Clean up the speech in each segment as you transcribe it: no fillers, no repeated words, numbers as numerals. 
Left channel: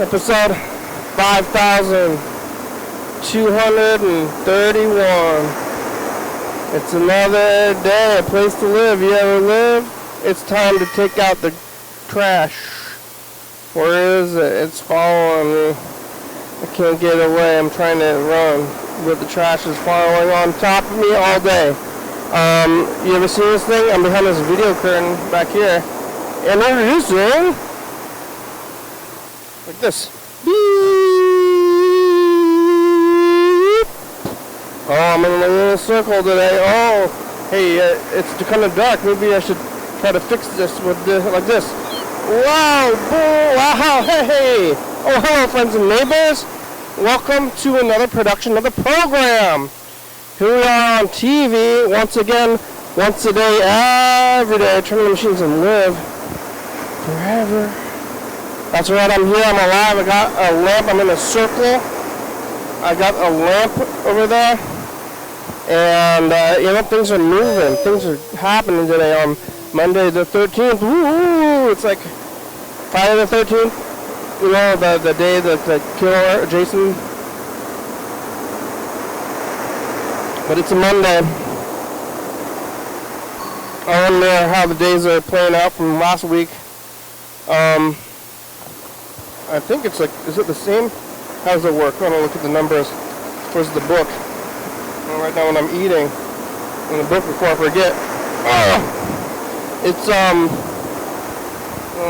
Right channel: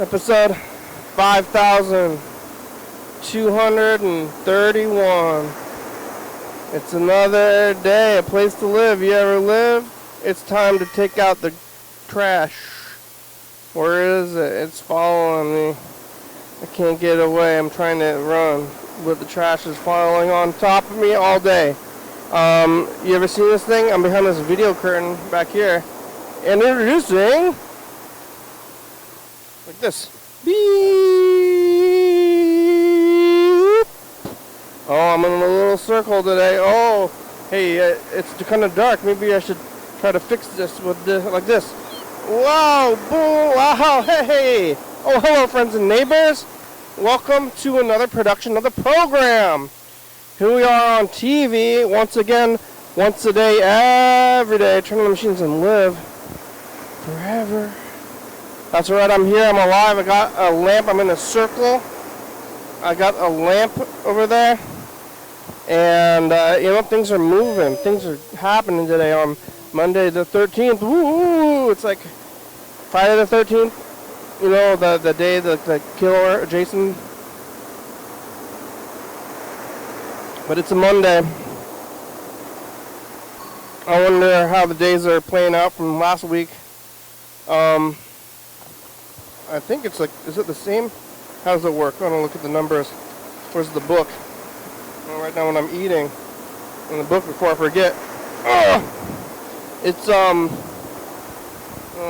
Episode 5231. It's another day, a place to live. You ever live? It's time to take out the trash. Where is it? It's following me. I can't get away. I'm trying to run, but the trash is following on top of me all day. You ever seen this thing? I'm behind this video curtain back here. And introducing, like this. Beep. Oh, I'm in a little circle today. Oh, hey, it's kind of dark. Maybe I should try to fix this with this, like this. Wow, boo, wow, hey. Oh, hello, friends and neighbors. Welcome to another production of the program. Here we are on TV, once again, once a day, every day, turn on the machines and live forever. That's right, I'm here, I'm alive, I got a lamp, I'm in a circle. I got a lamp over there. And, things are moving, things are happening today on Monday the 13th. Woo! It's like Friday the 13th, the day that they kill Jason. But it's a Monday. I wonder how the days are playing out from last week. I think it's like, is it the same? How does it work? I'm gonna look at the numbers. Where's the book? Right now when I'm eating, in the book before I forget. It's, I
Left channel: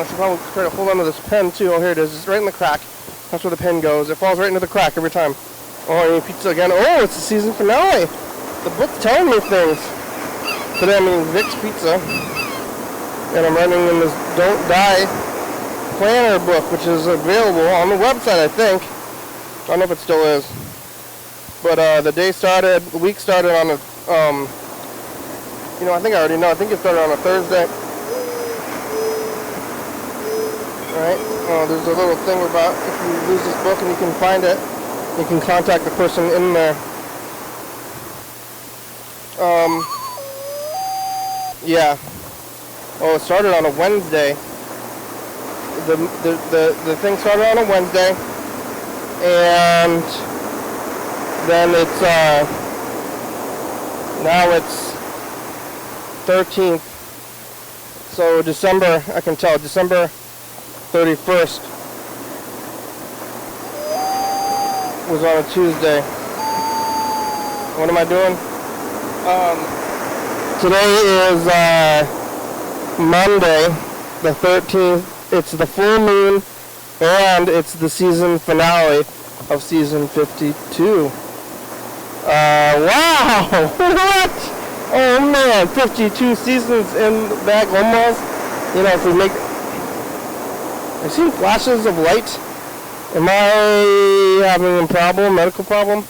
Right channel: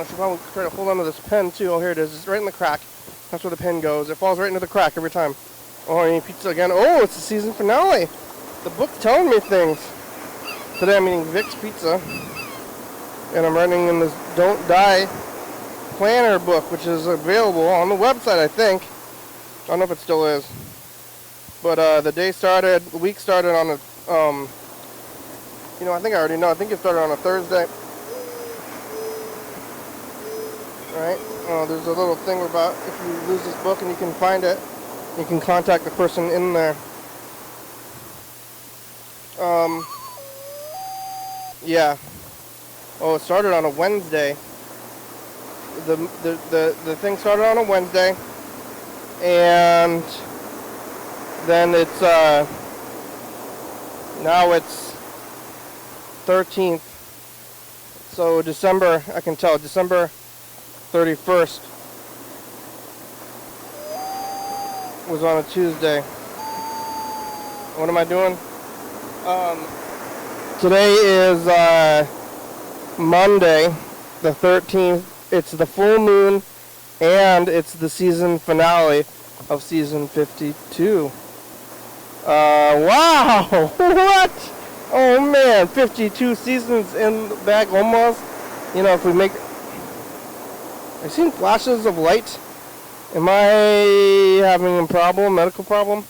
should probably try to hold on to this pen too. Oh, here it is. It's right in the crack. That's where the pen goes. It falls right into the crack every time. Oh, I need pizza again. Oh, it's the season finale. The book's telling me things. Today I'm eating Vic's Pizza. And I'm running in this Don't Die planner book, which is available on the website, I think. I don't know if it still is. But the week started on a, I think I already know. I think it started on a Thursday. Alright, there's a little thing about if you lose this book and you can find it, you can contact the person in there. Yeah. Oh, it started on a Wednesday. The thing started on a Wednesday, and then it's now it's 13th. So December, I can tell, December 31st was on a Tuesday. What am I doing? Today is Monday, the 13th. It's the full moon, and it's the season finale of season 52. Wow! What? Oh man, 52 seasons in the bag almost. If we make... I've seen flashes of light. Am I having a problem, medical problem?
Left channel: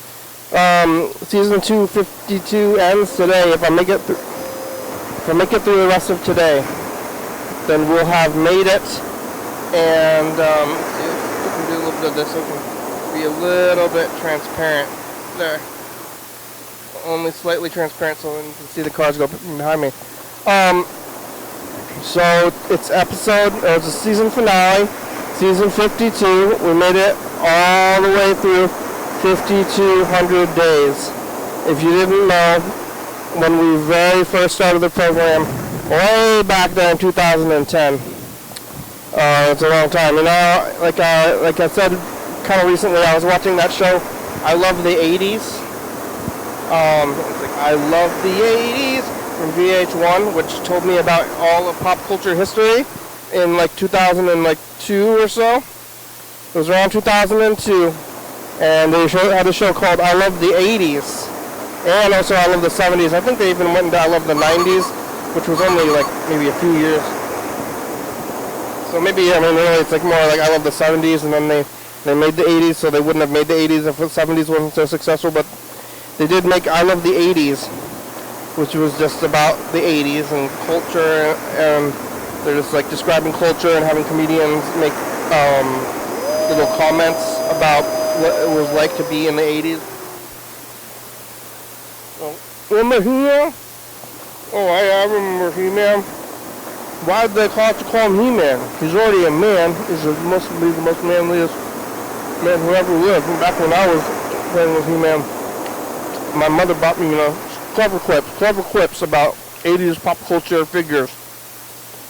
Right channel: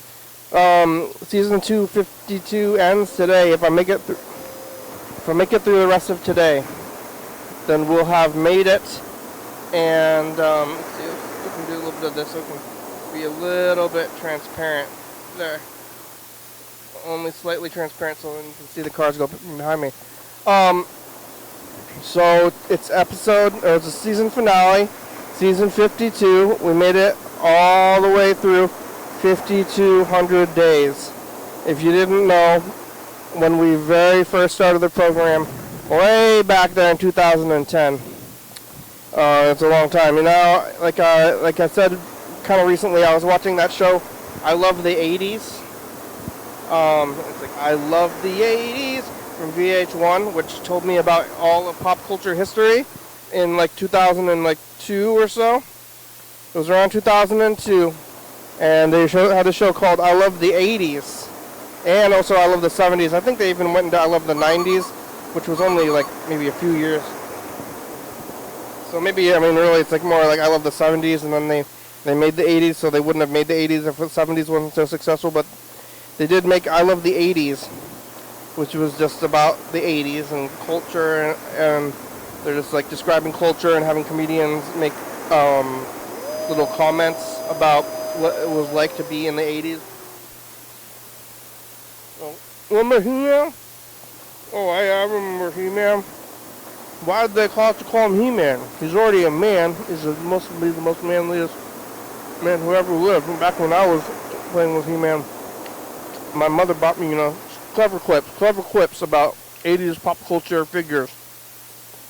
Season 252 ends today. If I make it through the rest of today, then we'll have made it. And let's see, we can do a little bit of this so it can be a little bit transparent. There. Only slightly transparent so you can see the cars go behind me. So it's it's a season finale, season 52. We made it all the way through 5,200 days. If you didn't know, when we very first started the program, way back there in 2010, it's a long time. Like I said kind of recently, I was watching that show, I Love the 80s. I Love the 80s from VH1, which told me about all of pop culture history in like 2002 or so. It was around 2002, and they had a show called I Love the 80s, and also I Love the 70s. I think they even went into I Love the 90s, which was only like maybe a few years. So maybe, really it's like more like I Love the 70s, and then they made the 80s, so they wouldn't have made the 80s if the 70s wasn't so successful, but they did make I Love the 80s, which was just about the 80s and culture, and they're just like describing culture and having comedians make little comments about what it was like to be in the 80s. Remember He-Man? Oh, I remember He-Man. Why did they call him He-Man? He's already a man. He's supposed to be the most manliest Man, whoever lived, back when I was playing with He-Man, my mother bought me, clever clips about 80s pop culture figures.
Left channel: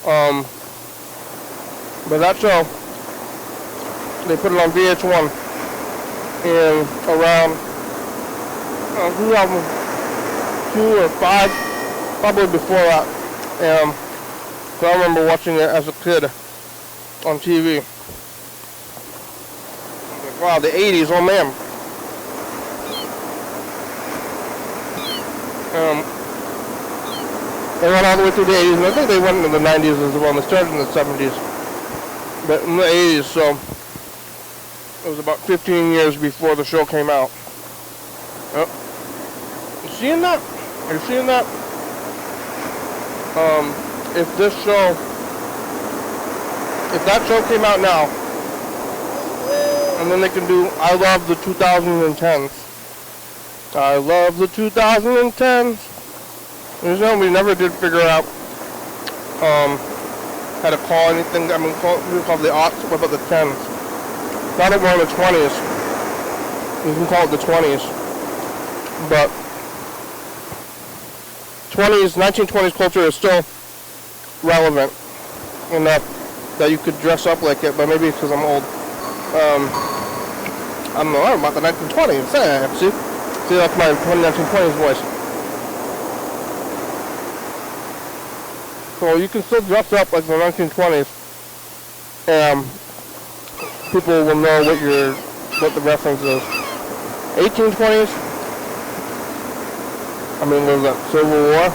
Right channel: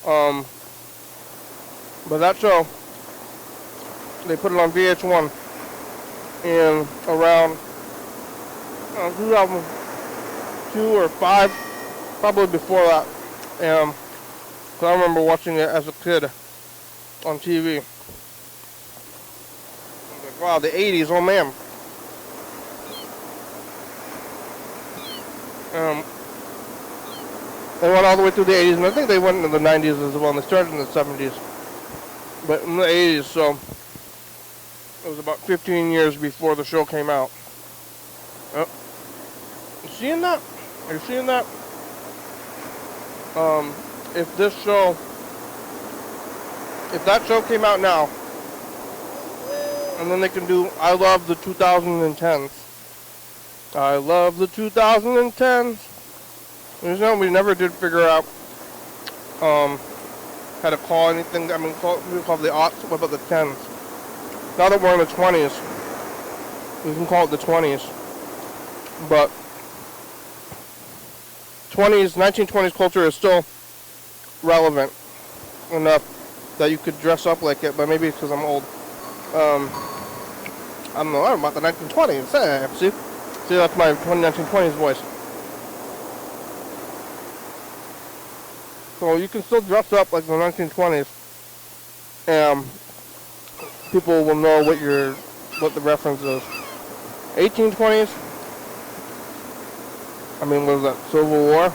But that show, they put it on VH1, and around 2002 or 5, probably before that, so I remember watching it as a kid on TV. Wow, the 80s, oh man. They went all the way through the 80s, and I think they went into the 90s as well. They started in the 70s. But in the 80s, so it was about 15 years before the show came out. Oh. You seeing that? Are you seeing that? If that show came out now, and then they can do I Love the 2010s. I love the 2010s. We never did figure out how to call anything. I mean, we call the aughts. What about the 10s? Now that we're in the 20s, you can call it the 20s. But 1920s culture is still relevant enough that you could dress up like it. But maybe it's because I'm old. I don't know about the 1920s. See, that's my 1920s voice. So you can still dress up like the 1920s, and people will know what the reference is. 1820s. I mean, what was that? Civil War.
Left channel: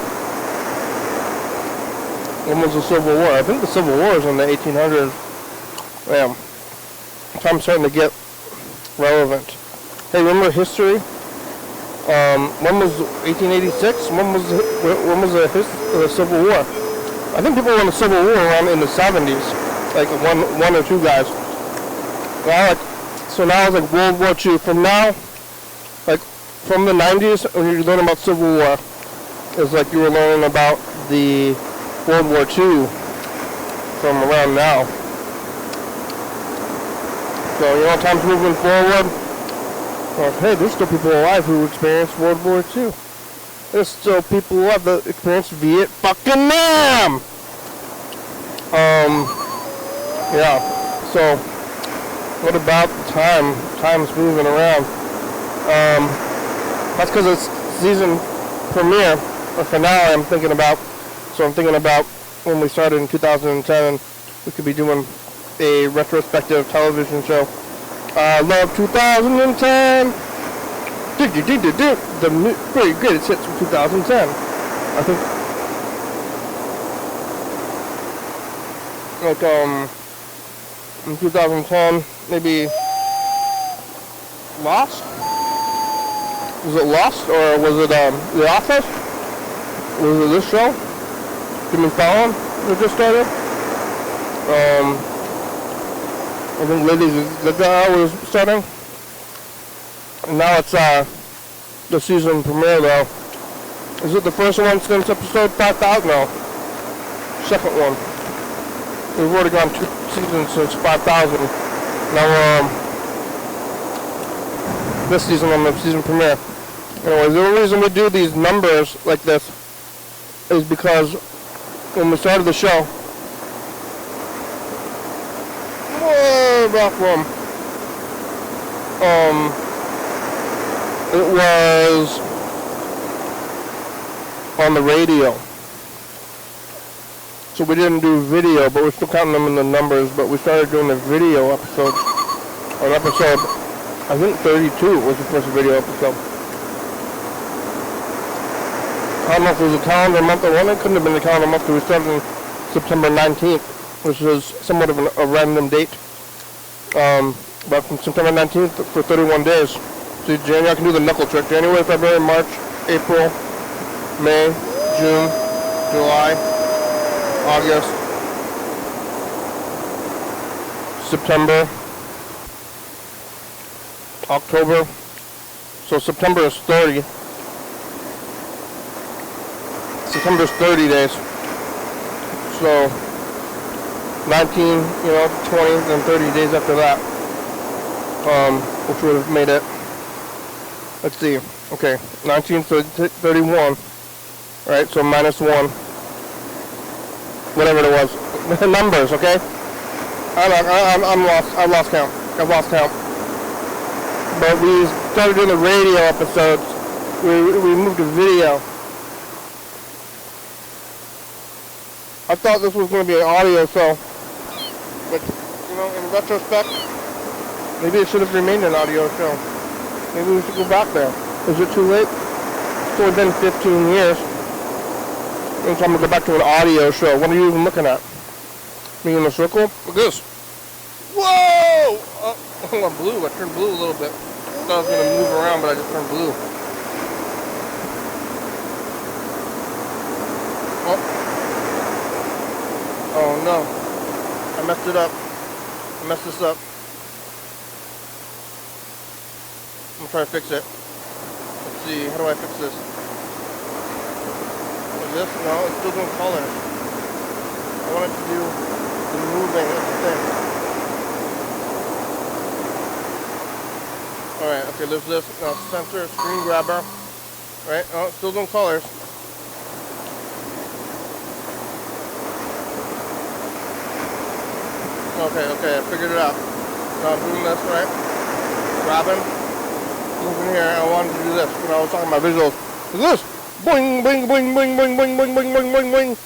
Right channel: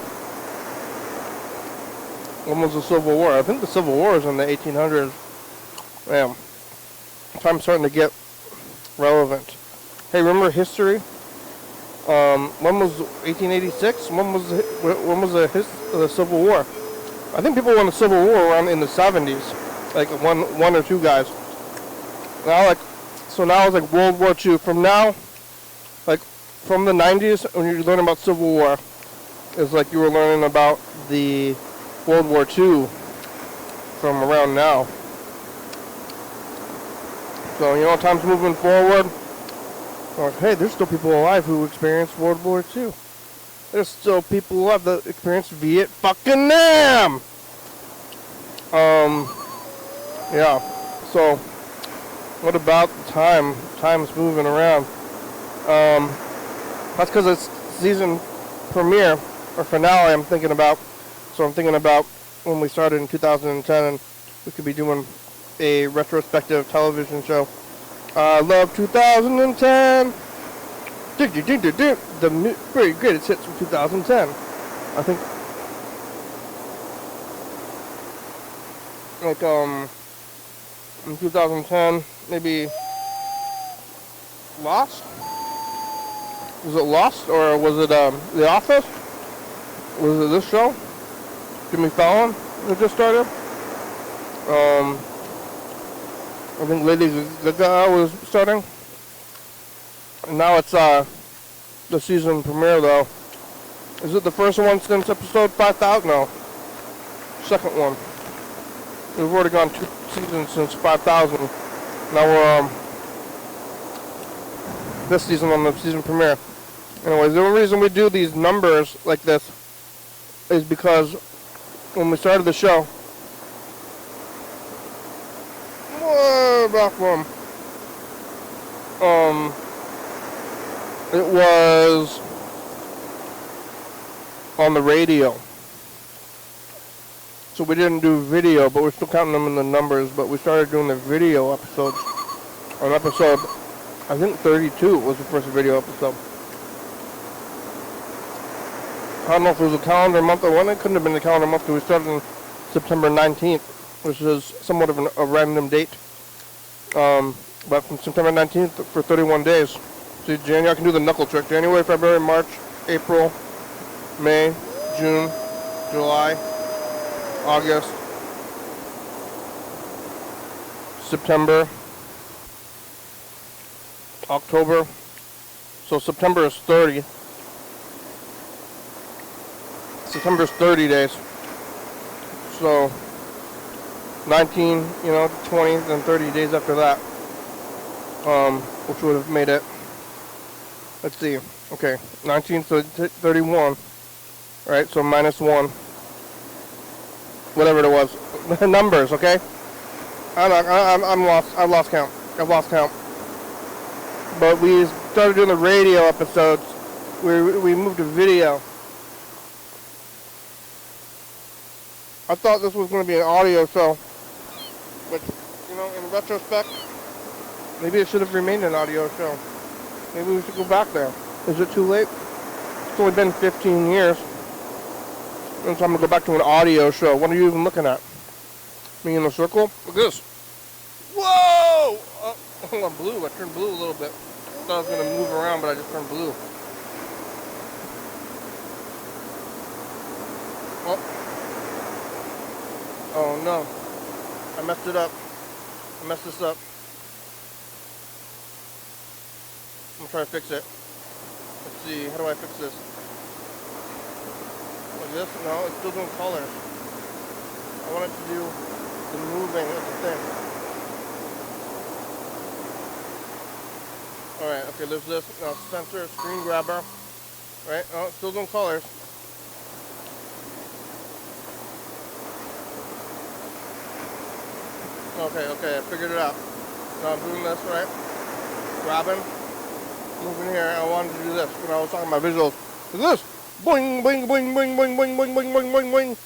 When was the Civil War? I think the Civil War is in the 1800s. Damn. Time's starting to get relevant. Hey, remember history? When was 1886? When was the Civil War? I think people won the Civil War around in the 70s, like one or two guys. So now it's like World War II. From now, like from the 90s, when you learn about Civil War, it's like you were learning about the World War II from around now. So, time's moving forward. Well, hey, there's still people alive who experienced World War II. There's still people alive that experienced Vietnam. Yeah. So, what about the time? Time's moving around. That's because it's season premiere or finale. I'm thinking about when we started in 2010. We could be doing a retrospective television show. I love 2010. The very greatest hits from 2010. I think, like, in 2010, maybe Lost? Was it Lost, or was it, The Office? Was it this show? Jimmy Fallon that just started? I think Lady Gaga was starting. Now it's the season premiere though. Is it the first one since episode 5,000? No. Second one. We've already gone 2 seasons since 5,000. Now this season on the season premiere. Anyways, the only reason we do these numbers like this is because when we started the show, back from it was on the radio, so we didn't do video, but we're still counting them in the numbers. But we started doing the video episodes on episode, I think 32 was the first video episode. I don't know if it was a calendar month or one. It couldn't have been a calendar month because we started on September 19th, which is somewhat of a random date. But from September 19th for 31 days. See, January, I can do the knuckle trick. January, February, March, April, May, June, July, August, September, October. So September is 30. September is 30 days. So 19, 20, then 30 days after that. which would have made it, let's see, okay, 1931, right, so minus 1, whatever it was, numbers, okay, I'm lost, I've lost count, but we started doing the radio episodes, we moved to video. I thought this was going to be an audio show, but, you know, in retrospect, maybe it should have remained an audio show. Maybe we should go back there. Is it too late? It's only been 15 years. It's time to go back to an audio show. What are you even looking at? Me in a circle? Look at this. Whoa! Oh, I'm blue. I turned blue a little bit. I thought I was going to move around, but I just turned blue. Oh no. I messed it up. I messed this up. I'm trying to fix it. Let's see, how do I fix this? Is this? No, it's still doing color. I want it to do the moving, that's the thing. Alright, okay, there's this. No, sensor, screen grabber. Right? Oh, it's still doing colors. Okay, I figured it out. So I'm doing this, right? Grabbing. Moving here, I wanted to do this. You know, I was talking about visuals. This! Boing, boing, boing, boing, boing, boing, boing, boing, boing, boing, boing.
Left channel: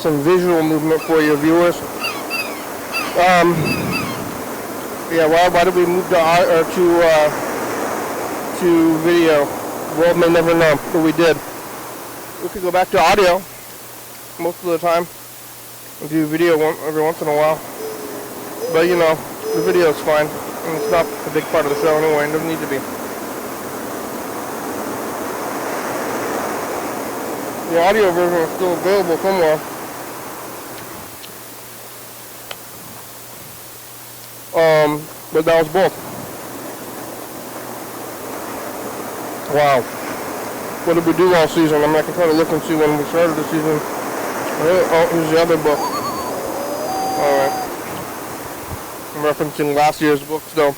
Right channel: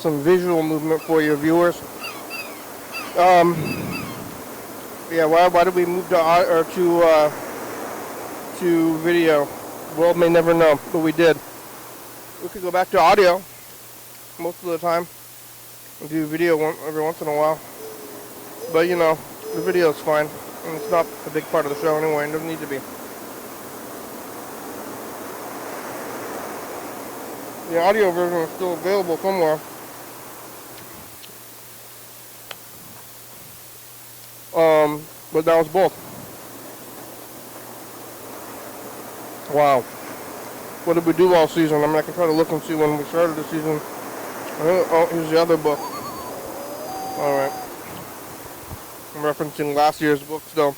Some visual movement for your viewers. Yeah, why did we move to video? The world may never know, but we did. We could go back to audio most of the time. We do video every once in a while. But you know, the video's fine. And it's not a big part of the show anyway, it doesn't need to be. The audio version is still available somewhere. But that was both. Wow. What did we do all season? I mean, I can try to look and see when we started the season. Oh, here's the other book. Alright. I'm referencing last year's books though.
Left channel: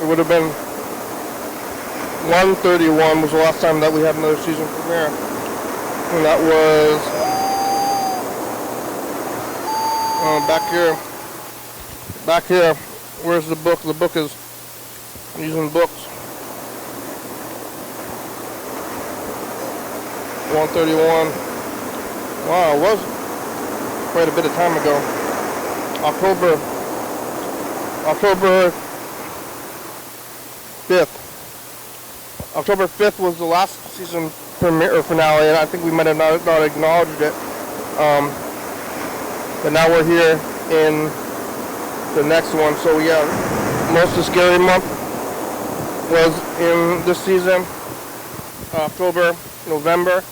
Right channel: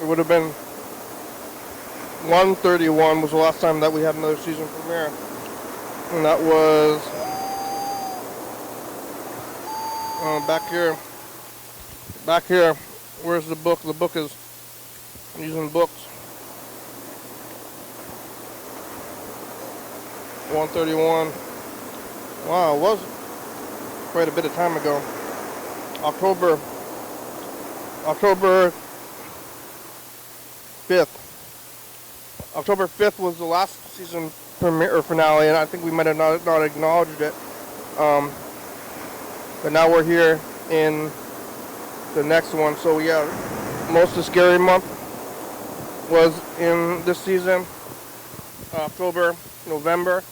It would have been 131 was the last time that we had another season premiere. And that was back here. Where's the book? The book is, I'm using books. 131. Wow, it was quite a bit of time ago. October 5th. October 5th was the last season premiere or finale, and I think we might have not acknowledged it. But now we're here in the next one. So yeah, most of Scary Month was in this season. October, November.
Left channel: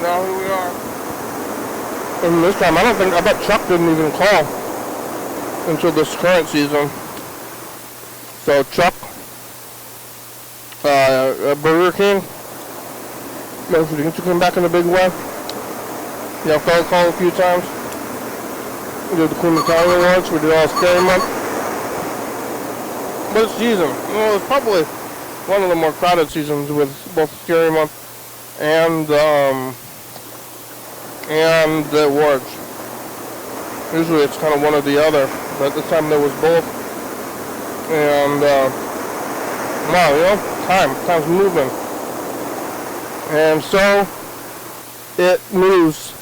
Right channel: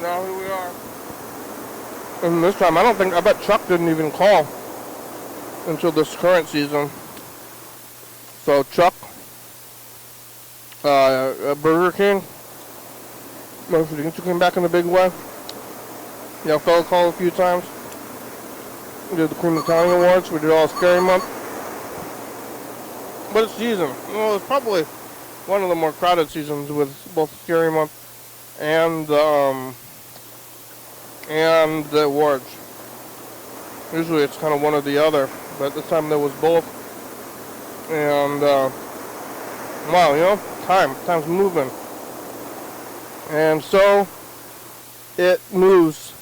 Now here we are. And this time, I bet Chuck didn't even call until this current season. So Chuck, Burger King, you came back in a big way. You know, called a few times. We did the Cleveland County Awards, we did all Scary Month. But it's season. You know, it's probably one of the more crowded seasons with both Scary Month and the awards. Usually it's kind of one or the other, but this time there was both. And wow, you know, time's moving. And so it moves.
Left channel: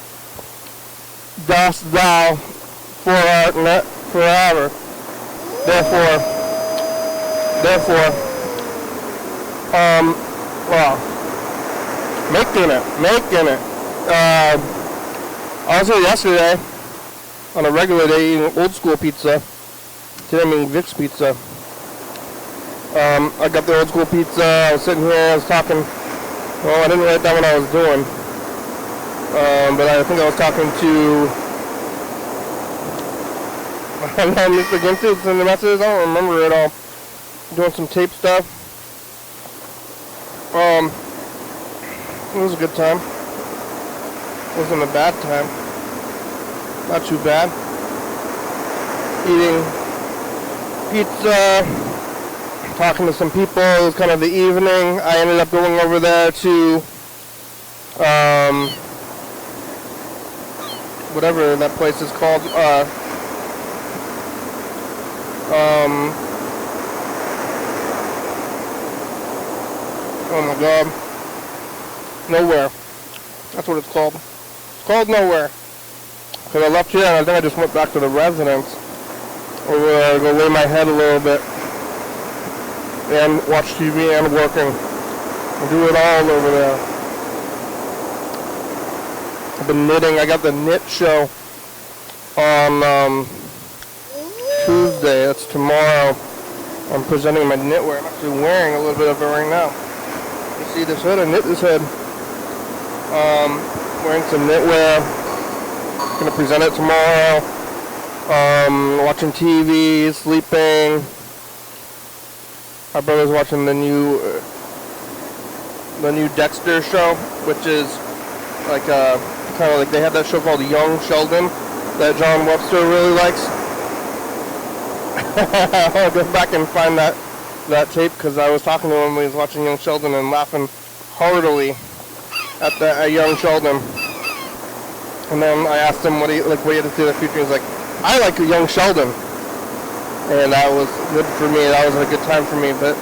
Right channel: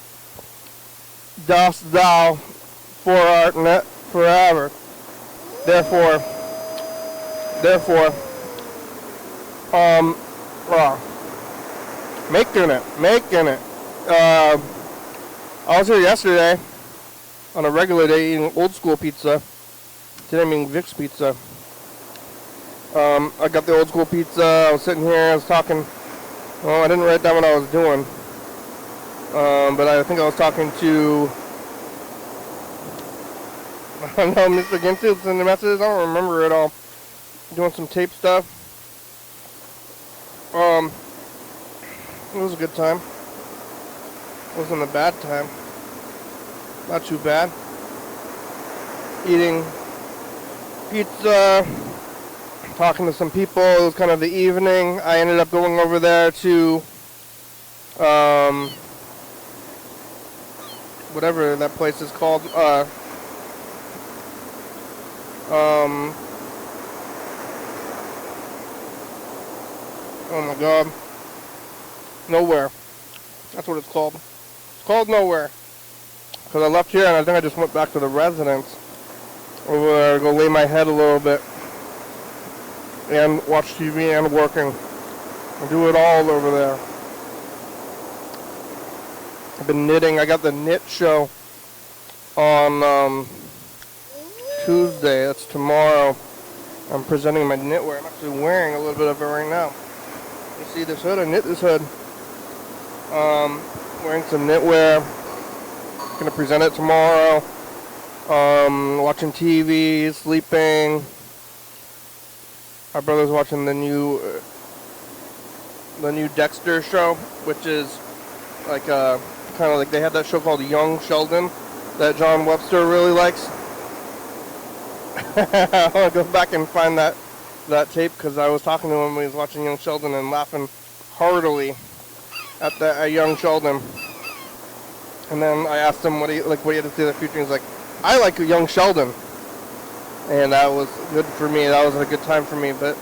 Dost thou forever. Therefore, wow. Making it. I was here yesterday on a regular day eating old school pizza. Today I'm eating Vic's pizza. I got the old school pizza. I was sitting here, I was talking. Well, I didn't write down what I was doing. But I think I was talking to I missed the game too. Sending messages. I don't remember it all. Doing some tape stuff. It was a good time. Wasn't a bad time. Not too bad. Eating pizza. Talking to some people. It was kind of the evening. I ended up going over there to whatever that place is called. Oh my god. Nowhere. That's what it's called. It's called Nowhere. Because I left here and I think I just went back to the residence. Over there to go lay my head a little bit. And watch TV and working. And do it all over there. I've been knitting. I got the knit show on Tuesday. That's tomorrow. I'm presenting my knitwear. I'm actually wearing a little bit of it right now. You see this hood? I knit this head. Wearing some knitwear. Gonna present it tomorrow. Watching TV, sleeping. My brother's watching the new Dexter show, which is like kind of like they have that show called Young Sheldon that John Webster really likes. I'll go back and find that tape because I was talking to him when he was watching Young Sheldon and laughing heartily at Young Sheldon. And then I asked him what he had to do in the future. He was like, I like a Young Sheldon. And that was good for me. That was a good time for me. But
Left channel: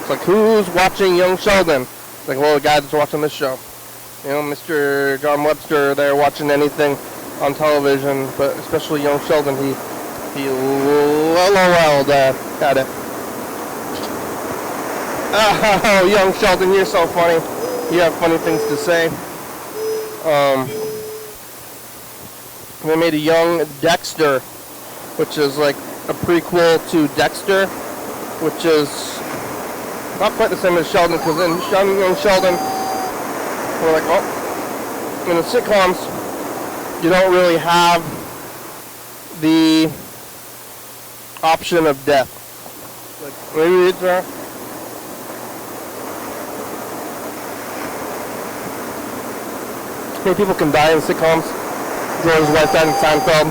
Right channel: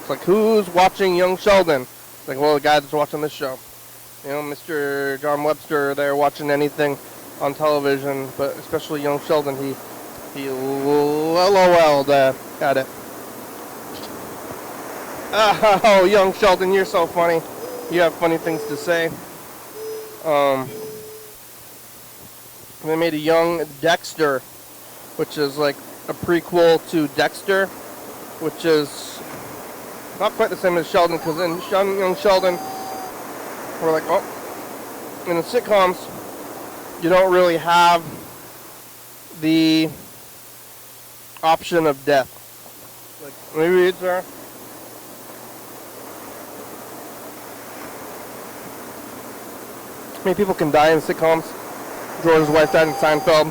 it's like, who's watching Young Sheldon? It's like, well, the guy that's watching this show. You know, Mr. John Webster, they're watching anything on television, but especially Young Sheldon, he LOL'd at it. Oh, Young Sheldon, you're so funny. You have funny things to say. They made a Young Dexter, which is like a prequel to Dexter, which is not quite the same as Sheldon, because in Young Sheldon, we're like, oh, in the sitcoms, you don't really have the option of death. Like, maybe it's how many people can die in sitcoms? George's wife died in Seinfeld.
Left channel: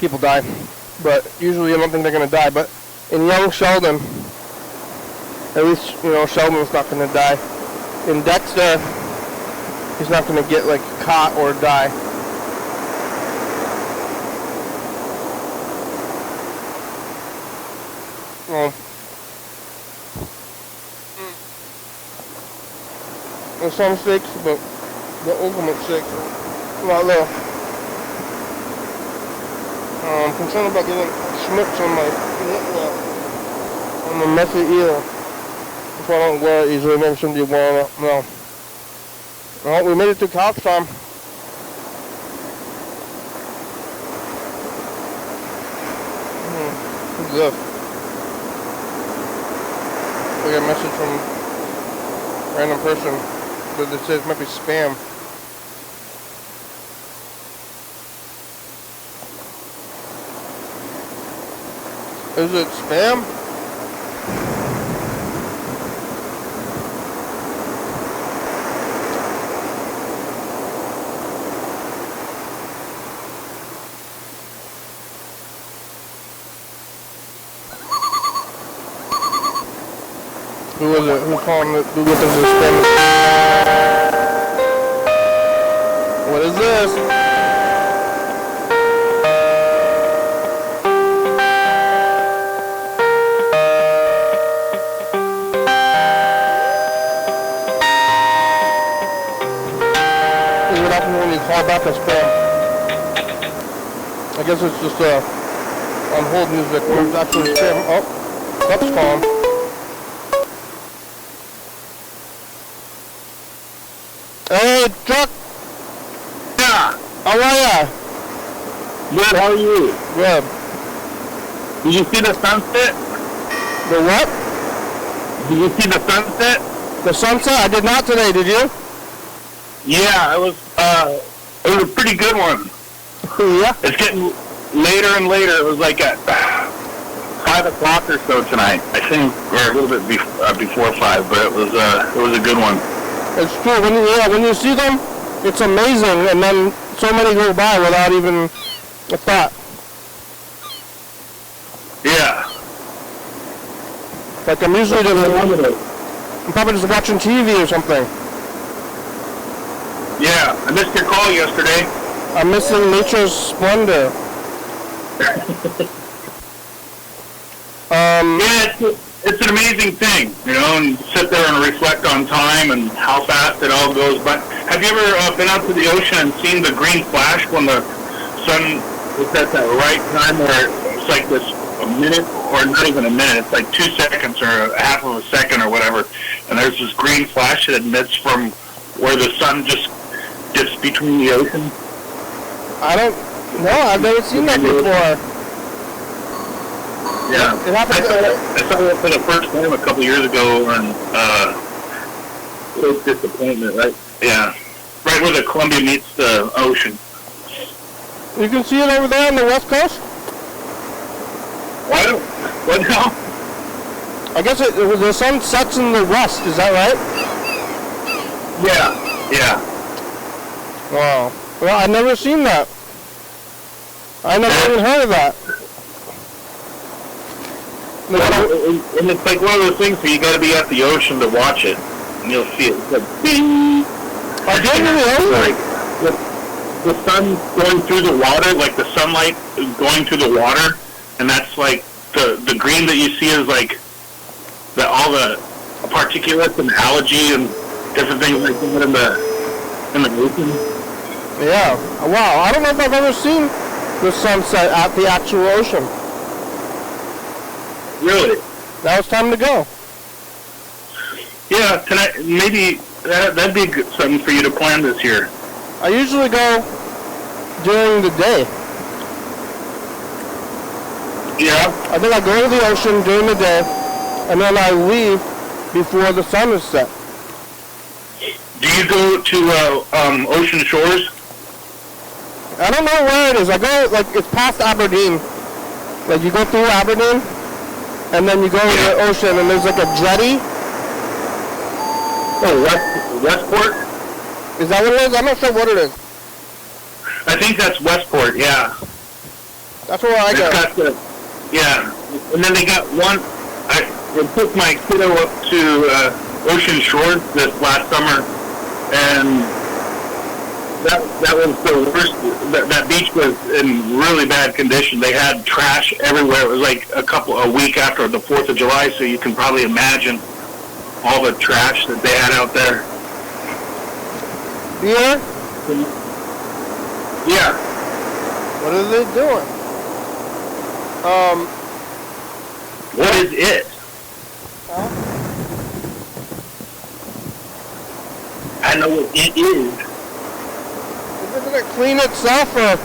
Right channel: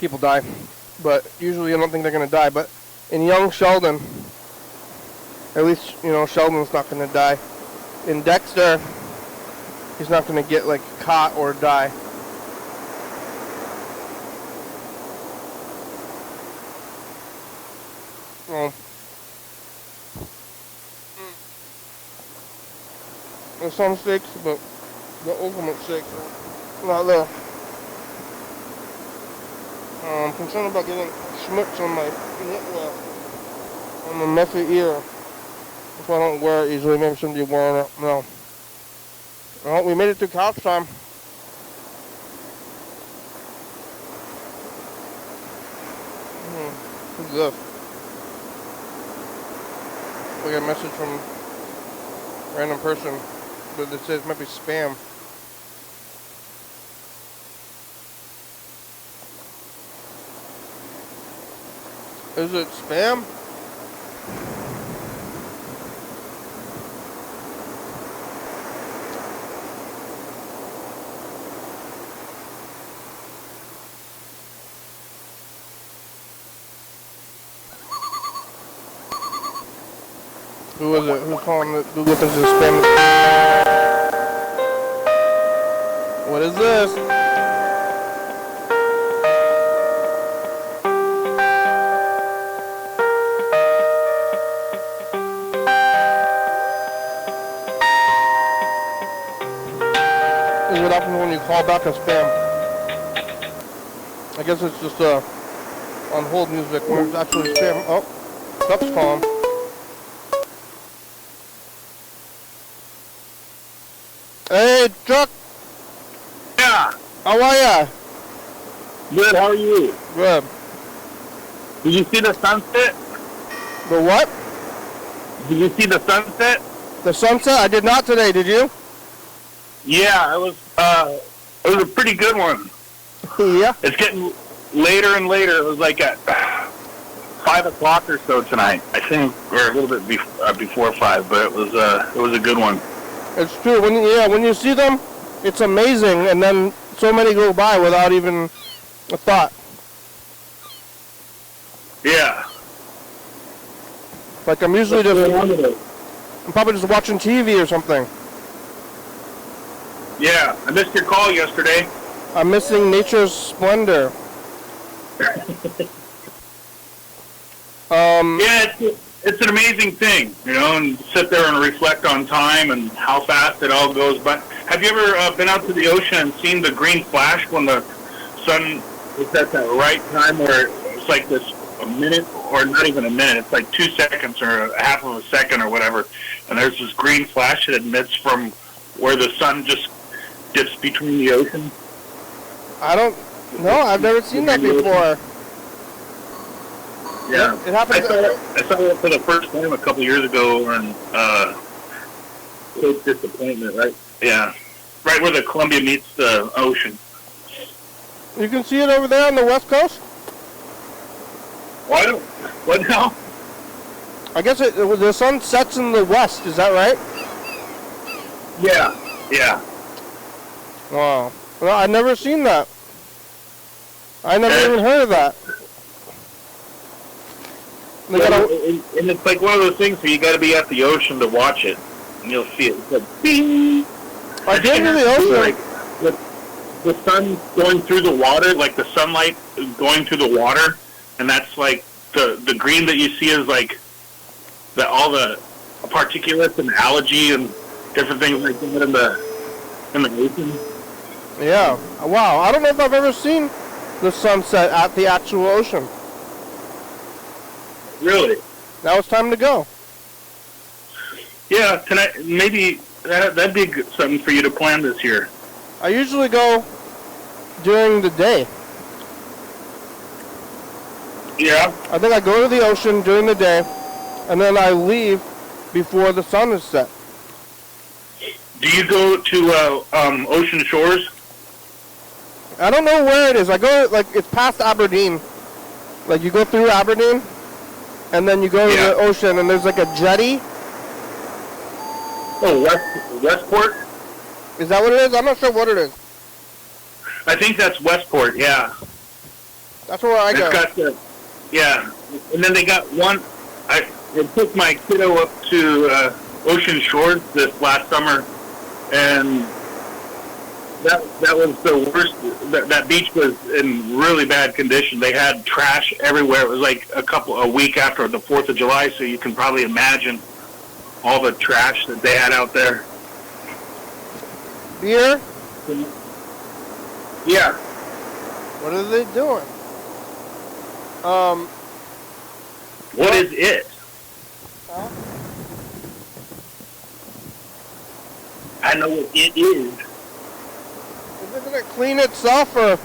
People die, but usually I don't think they're gonna die. But in Young Sheldon, at least, you know, Sheldon's not gonna die. In Dexter, he's not gonna get like caught or die. Well, there's some steaks, but the ultimate steaks are not there. I'm concerned about getting schmutz on my messy ear. If I don't wear it easily, maybe somebody wearing it. No. Well, we made it to couch time. Who's this? We got a message from a random person, but it says it might be spam. Is it spam? Who is it? Who's calling it? Who this is spam? What is this? Call back as spam. I guess it's just on hold music when it's actually spam. Oh, that's calm. Hey, Chuck! Yeah! How are ya? Good, how are you? Good. Did you see the sunset? The what? Did you see the sunset? The sunset? I did not today, did you? Yeah, it was It was a pretty good one. Yeah. It's getting later and later. It was like at 5 o'clock or so tonight, I think, or a little bit before 5. But it was a good one. It's true. When you see them, it's amazing, and then so many go by without even a thought. Yeah. Like I'm usually I'm probably just watching TV or something. Yeah, I missed your call yesterday. I'm missing nature's splendor. Yeah, it's an amazing thing, you know, and sit there and reflect on time and how fast it all goes by. Have you ever been out to the ocean and seen the green flash when the sun is at that right time where it's like this a minute, or not even a minute, it's like 2 seconds or a half of a second or whatever, and there's this green flash that emits from where the sun just dips between the ocean? I've never seen that before. Yeah, It happens. I saw that for the first time a couple years ago, and so disappointment, right? Yeah, right where the Columbia meets the ocean. You can see it over there on the west coast? What now? I guess the sun sets in the west, is that right? Yeah. Wow. Well, I've never seen that. I never even heard of that. And it's like one of those things where you got to be at the ocean to watch it, and you'll see it. It's like, bing! I did in the ocean. Like the sun going through the water, like the sunlight is going through the water, and that's like the green that you see is like all the particulates and algae and different things like that in the ocean. Yeah. Wow. I don't know if I've ever seen the sunset at the actual ocean. Really? Now it's time to go. Yeah, tonight maybe that'd be something for you to plan this year. I usually go during the day. Yeah. I think I go to the ocean during the day, and then I leave before the sun is set. Do you go to ocean shores? I don't know where it is. I go, like, it's past Aberdeen. Like, you go through Aberdeen, and then you go to the ocean, and there's like a jetty. Oh, Westport? Is that what it is? I'm not sure what it is. I think that's Westport, yeah. That's where I go. It's got the, yeah. And then they got one, I took my kiddo up to Ocean Shores this last summer, and that was the worst. That beach was in really bad condition. They had trash everywhere. It was like a week after the 4th of July, so you can probably imagine all the trash that they had out there. Yeah? Yeah. What are they doing? What is it? I know what it is. Doesn't it clean itself, or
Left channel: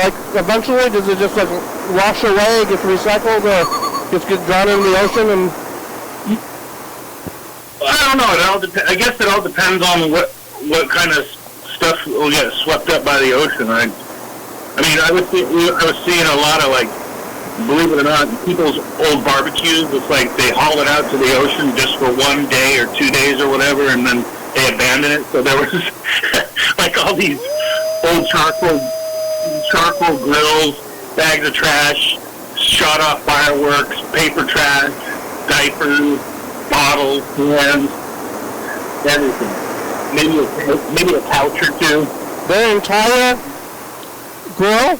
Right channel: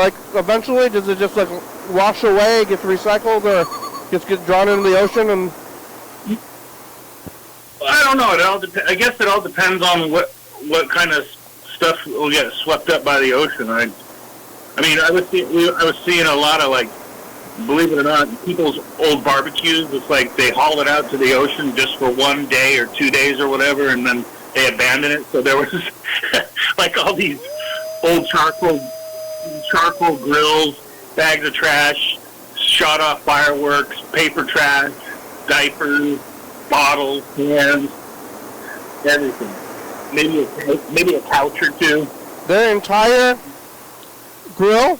like eventually does it just like wash away, gets recycled, or just get drawn into the ocean? And I don't know. I guess it all depends on what kind of stuff will get swept up by the ocean. I mean, I was seeing a lot of, like, believe it or not, people's old barbecues. It's like they haul it out to the ocean just for 1 day or 2 days or whatever, and then they abandon it. So there was like all these old charcoal grills, bags of trash, shot off fireworks, paper trash, diapers, bottles, cans, everything. Maybe a couch or two. the entire grill?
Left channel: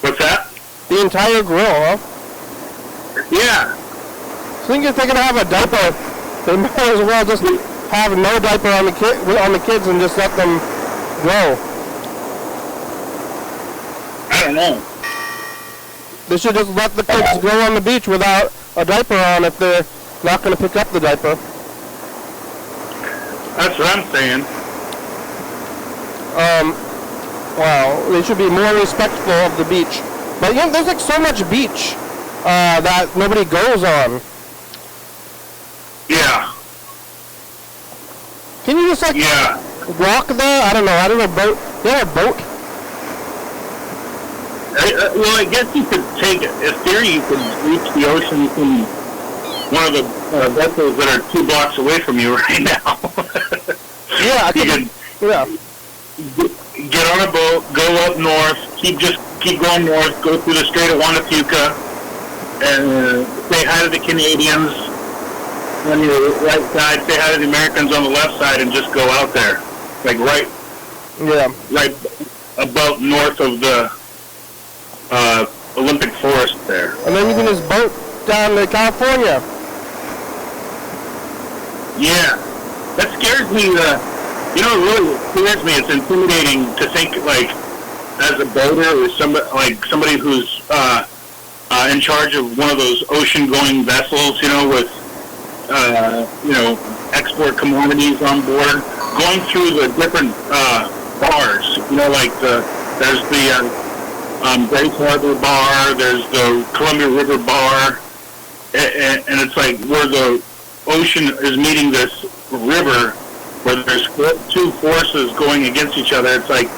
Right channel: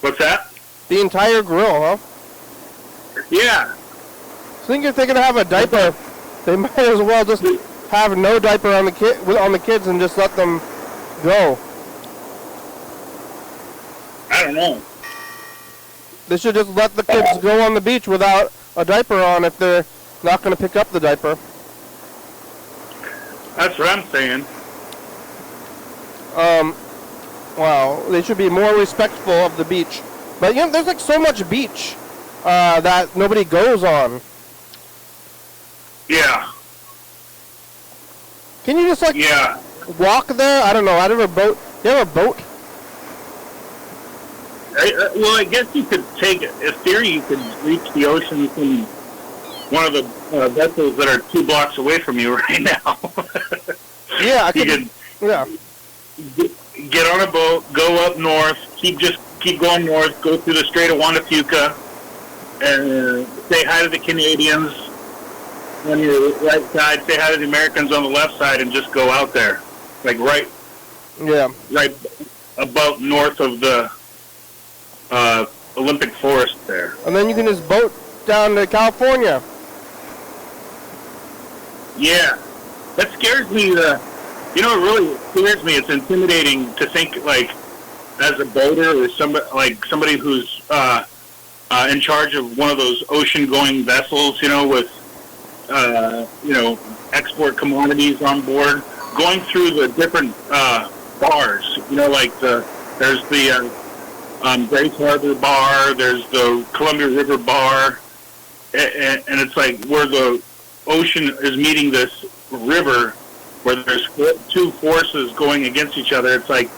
What's that? The entire grill, huh? Yeah. I think if they're gonna have a diaper, they might as well just have no diaper on the kids and just let them go. I don't know. They should just let the kids go on the beach without a diaper on if they're not going to pick up the diaper. That's what I'm saying. Wow, they should be more respectful of the beach. But you know, there's like so much beach that nobody goes on. Yeah. Can you just like, Yeah. walk there? I don't know. I don't know. Boat. You have a boat? Well, I guess you could take, in theory, you could reach the ocean from one of the vessels that are 2 blocks away from you right now. Yeah, I you could. Yeah. Get on a boat, go up north, keep going north, go through the Strait of Wanatuka, and say hi to the Canadians on your right side, say hi to the Americans on the left side, and just go out there, like right about north of the Olympic Forest there. And then you can just boat down to California. Yeah, that scares me. It really scares me. It's intimidating to think, like, as a boater or somebody who's in charge of one of those ocean-going vessels, with export commodities on board, going through the different bars. There's the Grace Harbor Bar, there's the Columbia River Bar, and it's like where the ocean is meeting this river, where there's 2 forces going against each other. It's like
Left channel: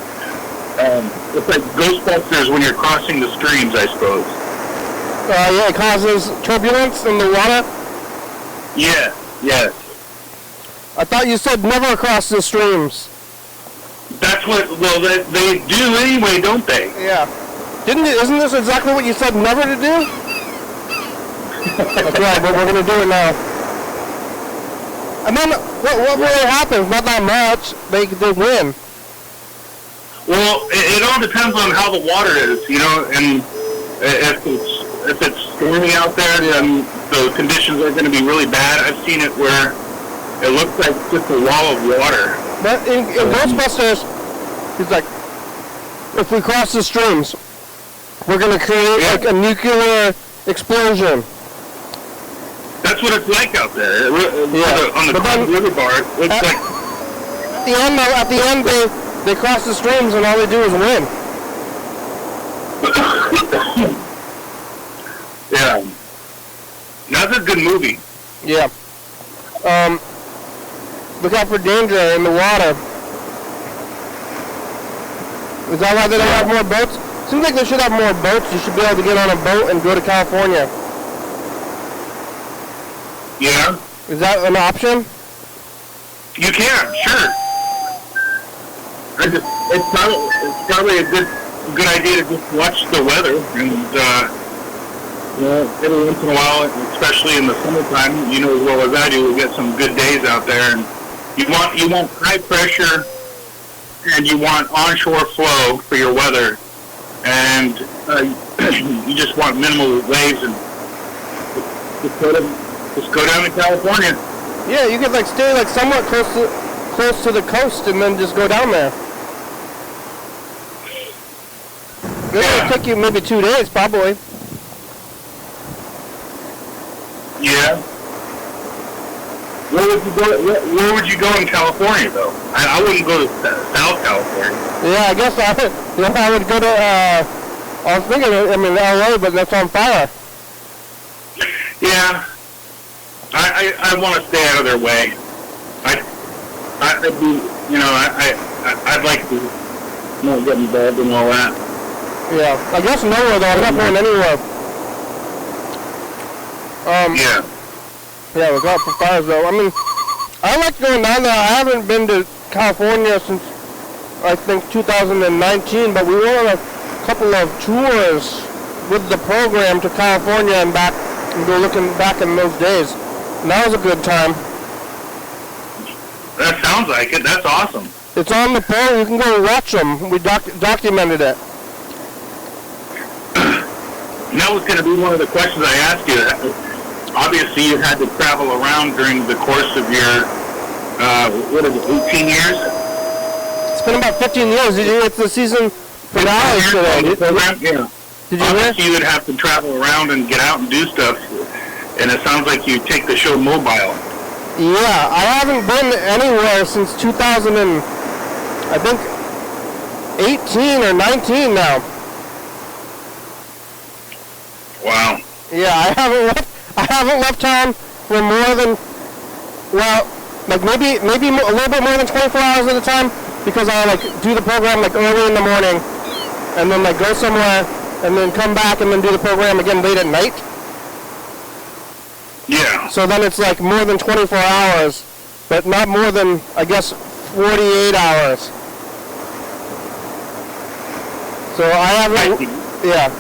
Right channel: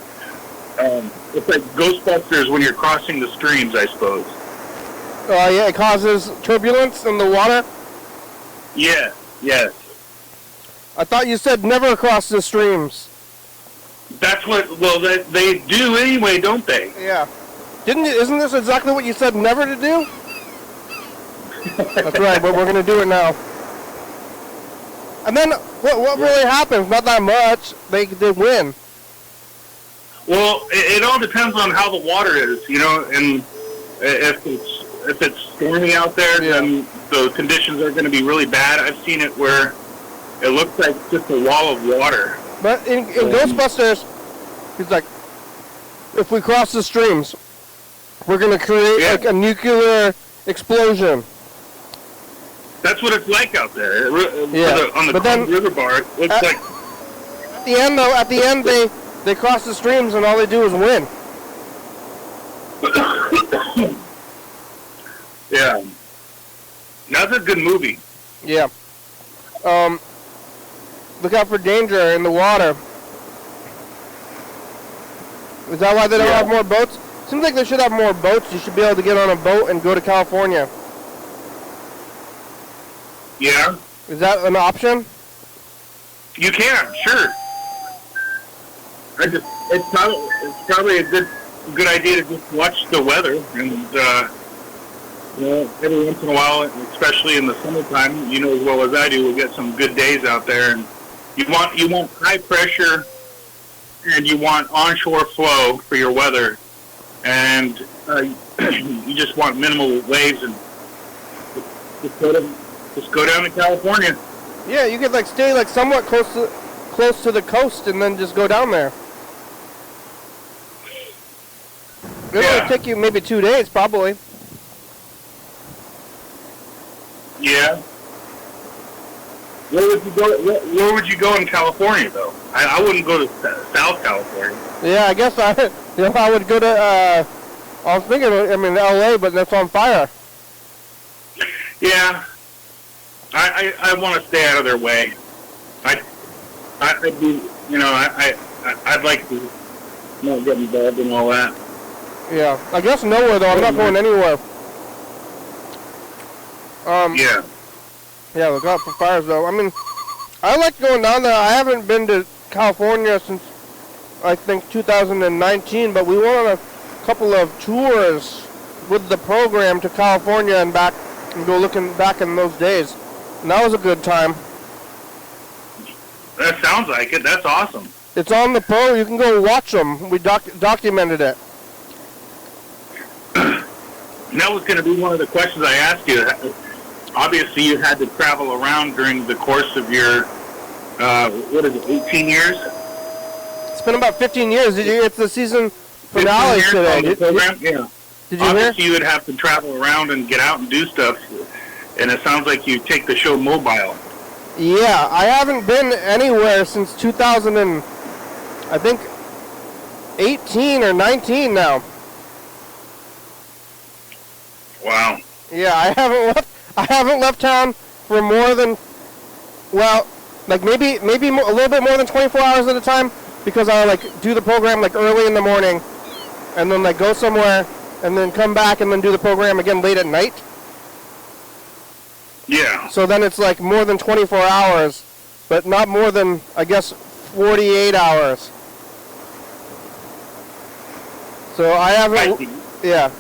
Ghostbusters when you're crossing the streams, I suppose. Yeah, it causes turbulence in the water. Yeah, yes. I thought you said never cross the streams. That's they do anyway, don't they? Yeah. Isn't this exactly what you said never to do? That's right, but we're going to do it now. And then, what really happens? Not that much. They win. Well, it all depends on how the water is, and if it's stormy out there, then the conditions are going to be really bad. I've seen it where it looks like just a wall of water. But in Ghostbusters, he's like, if we cross the streams, we're going to create like a nuclear explosion. That's what it's like out there. Yeah. On the Columbia River Bar, it's like... At the end, they cross the streams and all they do is win. Yeah. That's a good movie. Yeah. Look out for danger in the water. Is that why they don't have more boats? Seems like they should have more boats. You should be able to get on a boat and go to California. Yeah. Is that an option? You can, sure. It's probably a good idea to just watch the weather, and every once in a while, especially in the summertime, as well as I do, we'll get some good days out there, and you want high pressure, and you want onshore flow for your weather, and you just want minimal waves, and just go down to California. Yeah, you could stay somewhat close to the coast, and then just go down there. It'll take you maybe 2 days, probably. Yeah. Where would you go in California, though? I wouldn't go to South California. Yeah, I guess I would go to, I was thinking, LA, but that's on fire. Yeah. I want to stay out of their way. I'd like to not get involved in all that. Yeah, I guess nowhere, though. I'm not going anywhere. Yeah. Yeah, look out for fires, though. I like going down there. I haven't been to California since, I think, 2019, but we went on a couple of tours with the program to California and back, and go looking back in those days. And that was a good time. That sounds like it. That's awesome. It's on the program. You can go watch them. We documented it. And that was going to be one of the questions I asked you. Obviously, you had to travel around during the course of your, 18 years? It's been about 15 years. It's the season finale today. Yeah. Did you Obviously, you would have to travel around and get out and do stuff. And it sounds like you take the show mobile. Yeah, I haven't been anywhere since 2000 and, I think, 18 or 19 now. Wow. Yeah, I haven't left town for more than, like maybe a little bit more than 24 hours at a time, because I like do the program like early in the morning, and then like go somewhere, and then come back and then do the program again late at night. Yeah. So then it's like more than 24 hours, but not more than, I guess, 48 hours. So I haven't, yeah.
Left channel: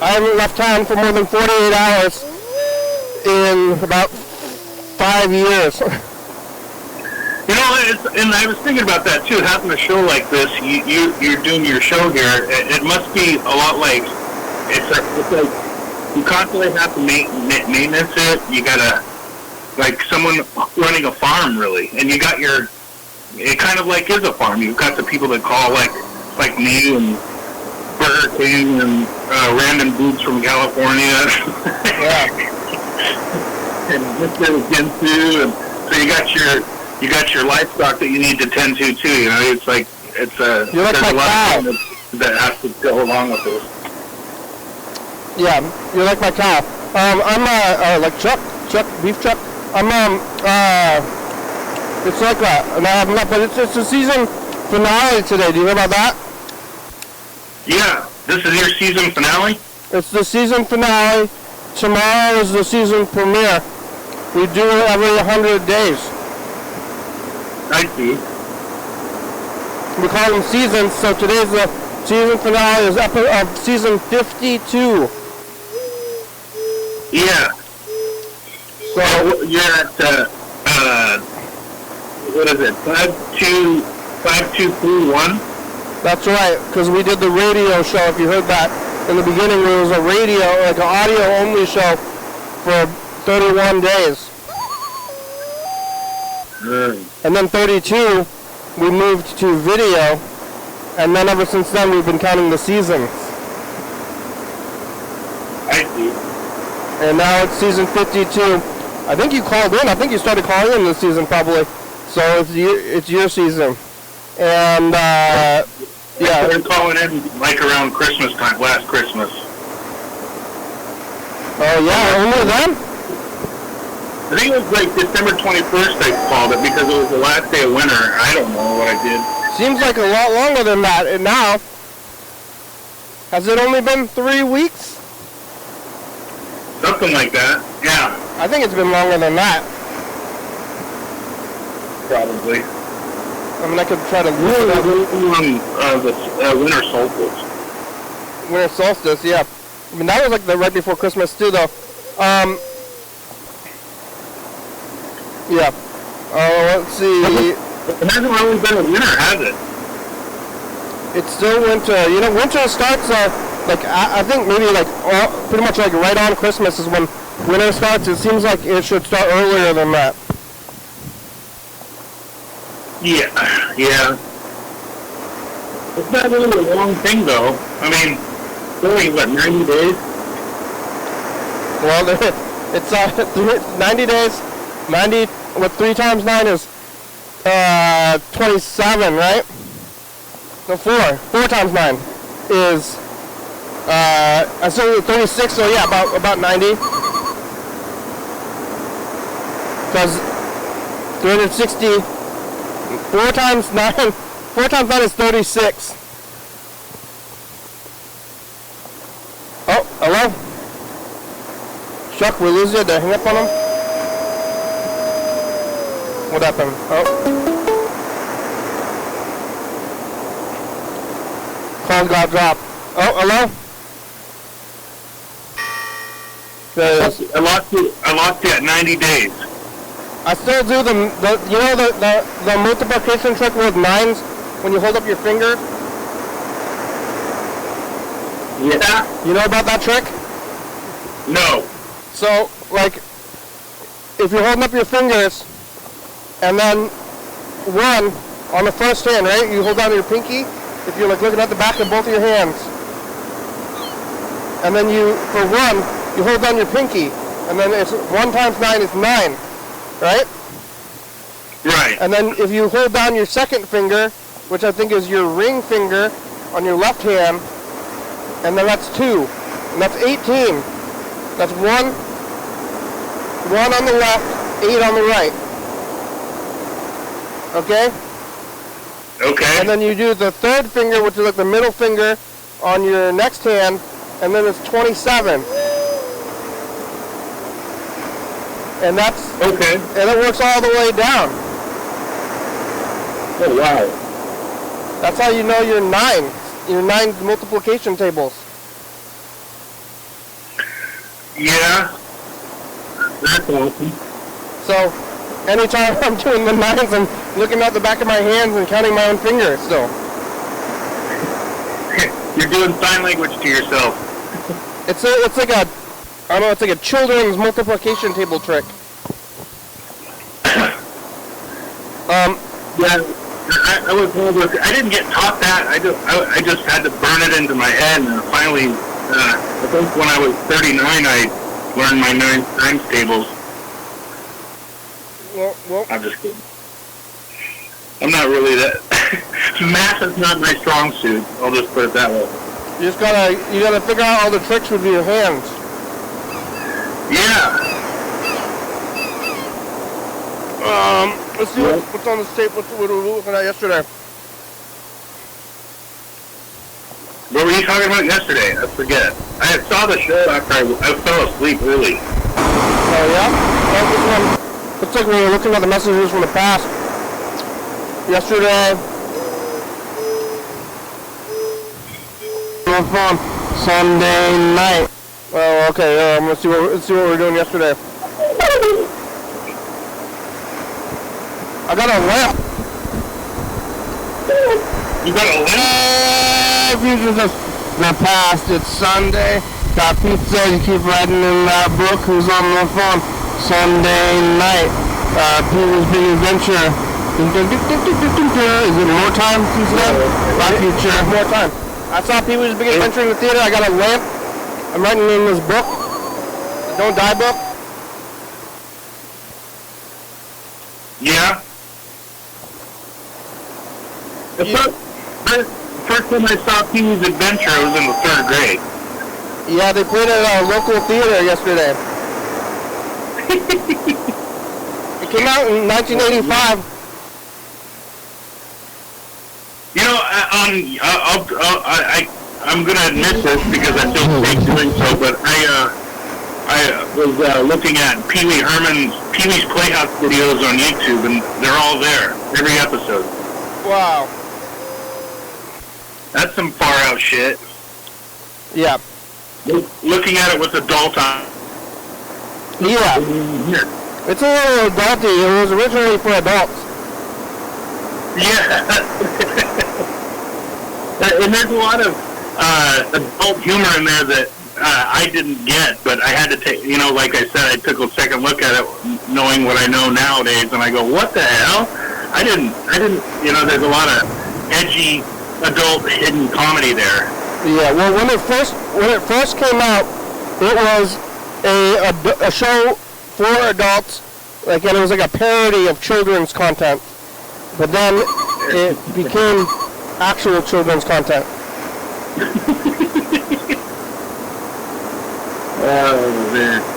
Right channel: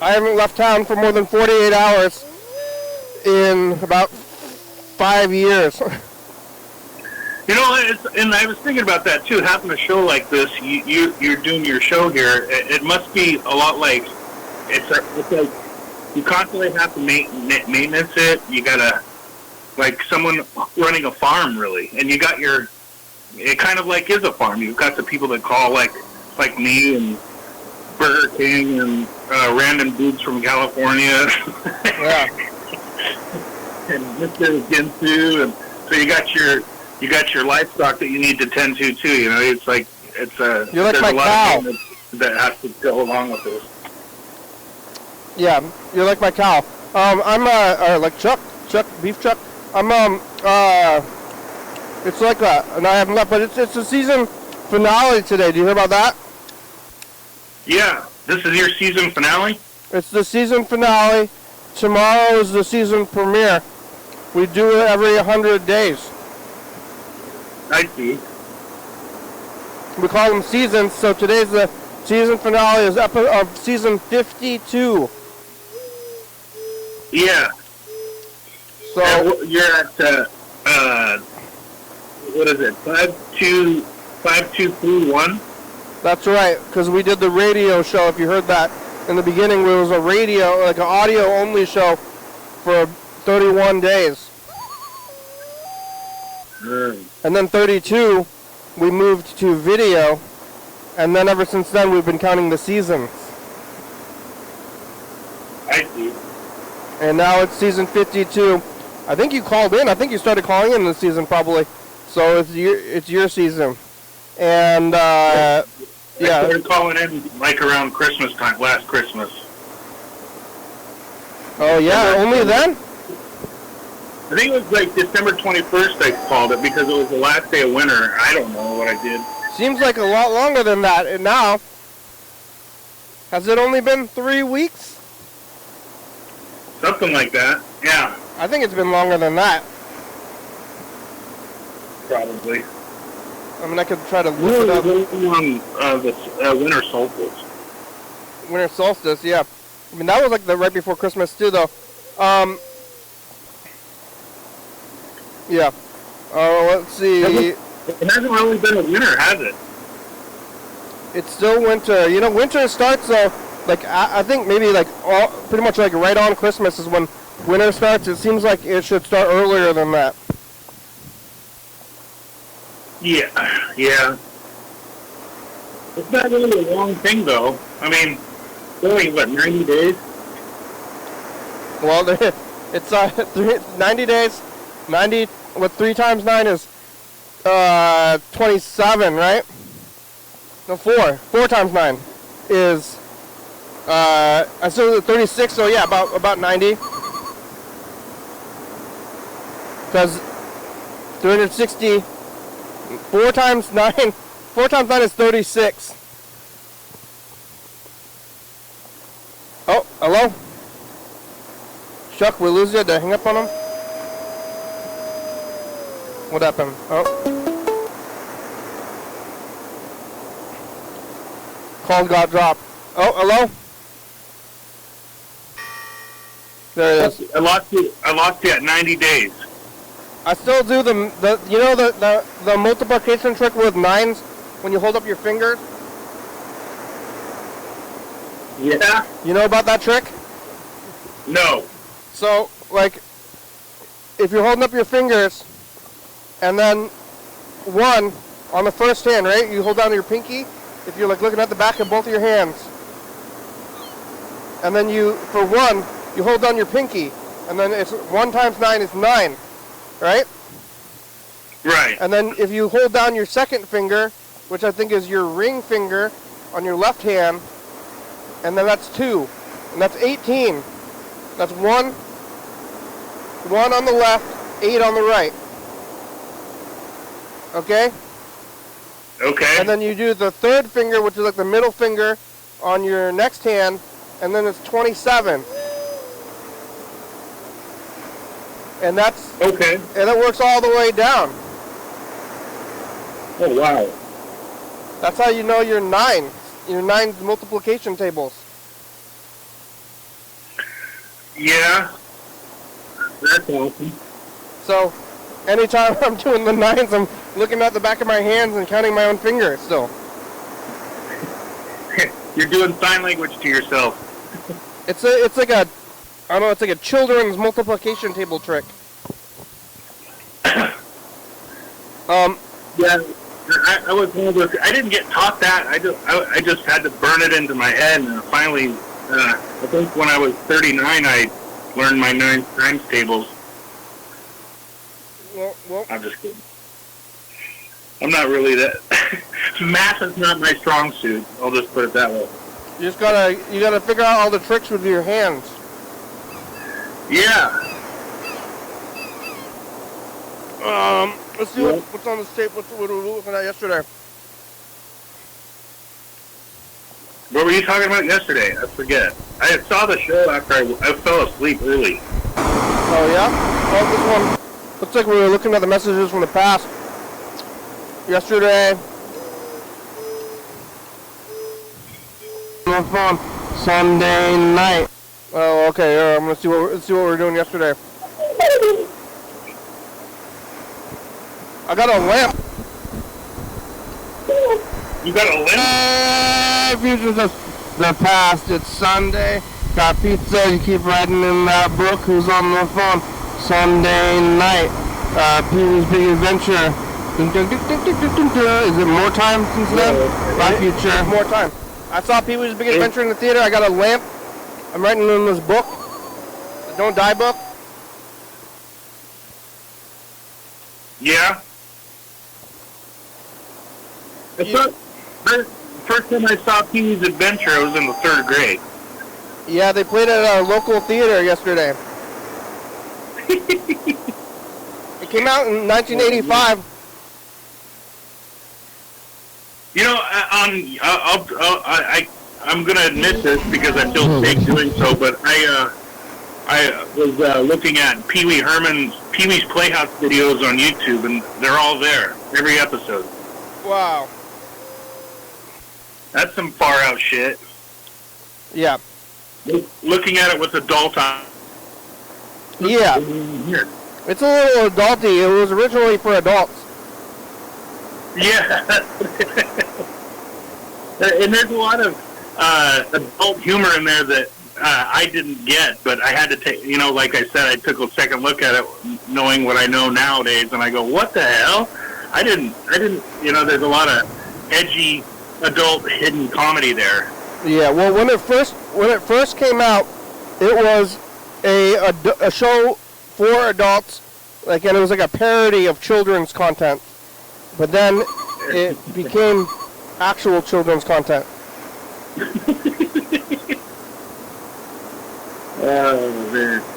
I haven't left town for more than 48 hours in about 5 years. You know, and I was thinking about that too. Having a show like this, you're doing your show here. It must be a lot like it's like you constantly have to maintenance it. You gotta like someone running a farm really, and you got your. It kind of like is a farm. You've got the people that call like me and Burger King and random dudes from California. Yeah. And Mr. Ginsu, and so you got your livestock that you need to tend to too. You know, it's like You're like there's my a lot cow. of things that has to go along with this. Yeah, you're like my cow. I'm like Chuck, beef Chuck. It's like and I have enough, but it's the season finale today. Do you know about that? Yeah, this is your season finale? It's the season finale. Tomorrow is the season premiere. We do it every 100 days. I see. We call them seasons, so today's the season finale is of season 52. Yeah. So you're at, what is it, 5231? that's right, because we did the radio show, if you heard that in the beginning, where it was a radio, like an audio-only show for 31 days. And then 32, we moved to video, and then ever since then we've been counting the seasons. I see. And now it's season 52. I think you called in. I think you started calling in this season probably. So it's your season. And I yeah. started calling in like around Christmas time, last Christmas. Oh yeah, only then? I think it was like December 21st I called it because it was the last day of winter. I don't know what I did. Seems like a lot longer than that. And now, has it only been 3 weeks? Something like that. Yeah. I think it's been longer than that. Probably. I mean, I could try to look it up. The winter solstice. Winter solstice, yeah. I mean, that was like the right before Christmas too, though. Yeah. Let's see. It hasn't really been a winter, has it? It's still winter. You know, winter starts like I think maybe like pretty much like right on Christmas is when winter starts. It seems like it should start earlier than that. Yeah. It's not really a long thing, though. I mean, only, what, 90 days? Well, it's 90 days. 90 with 3 times 9 is 27, right? No, 4 times 9 is I said 36. So yeah, about 90. Because 360. 4 times 9 is 36. Oh, hello? Chuck, we lose you? Did I hang up on him? What happened? Oh. Call got dropped. Oh, hello? There it is. I lost you at 90 days. I still do the you know the multiplication trick with 9s when you hold up your finger? Yeah? You know about that trick? No. So, like, if you're holding up your fingers, and then 1 on the first hand, right? You hold down your pinky, if you're like looking at the back of both of your hands. And then for 1, you hold down your pinky, and then it's 1 times 9 is 9. Right? Right. And then if you hold down your second finger, which I think is your ring finger on your left hand, and then that's 2, and that's 18. That's 1 on the left, 8 on the right. Okay? Okay. And then you do the third finger, which is like the middle finger, on your next hand, and then it's 27. And that's Okay. and it works all the way down. Oh, wow. That's how you know your 9 multiplication tables. Yeah. That's awesome. So anytime I'm doing the 9s, I'm looking at the back of my hands and counting my own fingers still. You're doing sign language to yourself. It's like a, I don't know, it's like a children's multiplication table trick. Yeah, I didn't get taught that. I just had to burn it into my head, and finally, I think when I was 39, I learned my 9 times tables. Well, I'm just kidding. I'm not really that. Math is not my strong suit. I'll just put it that way. you gotta figure out all the tricks with your hands. Yeah. Let's see what's on this tape. What we were looking at yesterday. What were you talking about yesterday? I forget. I saw the show after I fell asleep early. Oh yeah? Looks like we were looking at the messages from the past. Yesterday. Sunday night. Oh, okay. Let's see what we were doing yesterday. I got a lamp. You got a lamp? Future the past. It's Sunday. Got pizza. You keep writing in that book. Who's on the phone? Sunday night. Pee-wee's Big Adventure. Is it more time since then? My future. More time. I saw Pee-wee's Big Adventure in the theater. I got a lamp. I'm writing in this book. The Don't Die book. Yeah. The first time I saw Pee-wee's Adventure, I was in the 3rd grade. Yeah, they played it at a local theater yesterday. It came out in 1985. You know, I'm gonna admit this because I feel safe doing so, but I was looking at Pee-wee's Playhouse videos on YouTube, and they're all there, every episode. Wow. That's some far out shit. Yeah. Looking at it with adult eyes. Yeah. It's a little adulty. It was originally for adults. Yeah. And there's a lot of adult humor in there that I didn't get, but I had to take, like I said, I took a second look at it knowing what I know nowadays, and I go, what the hell? I didn't, there's a lot of edgy adult hidden comedy there. Yeah, well, when it first came out, it was a show for adults, and it was like a parody of children's content. But then it became actual children's content.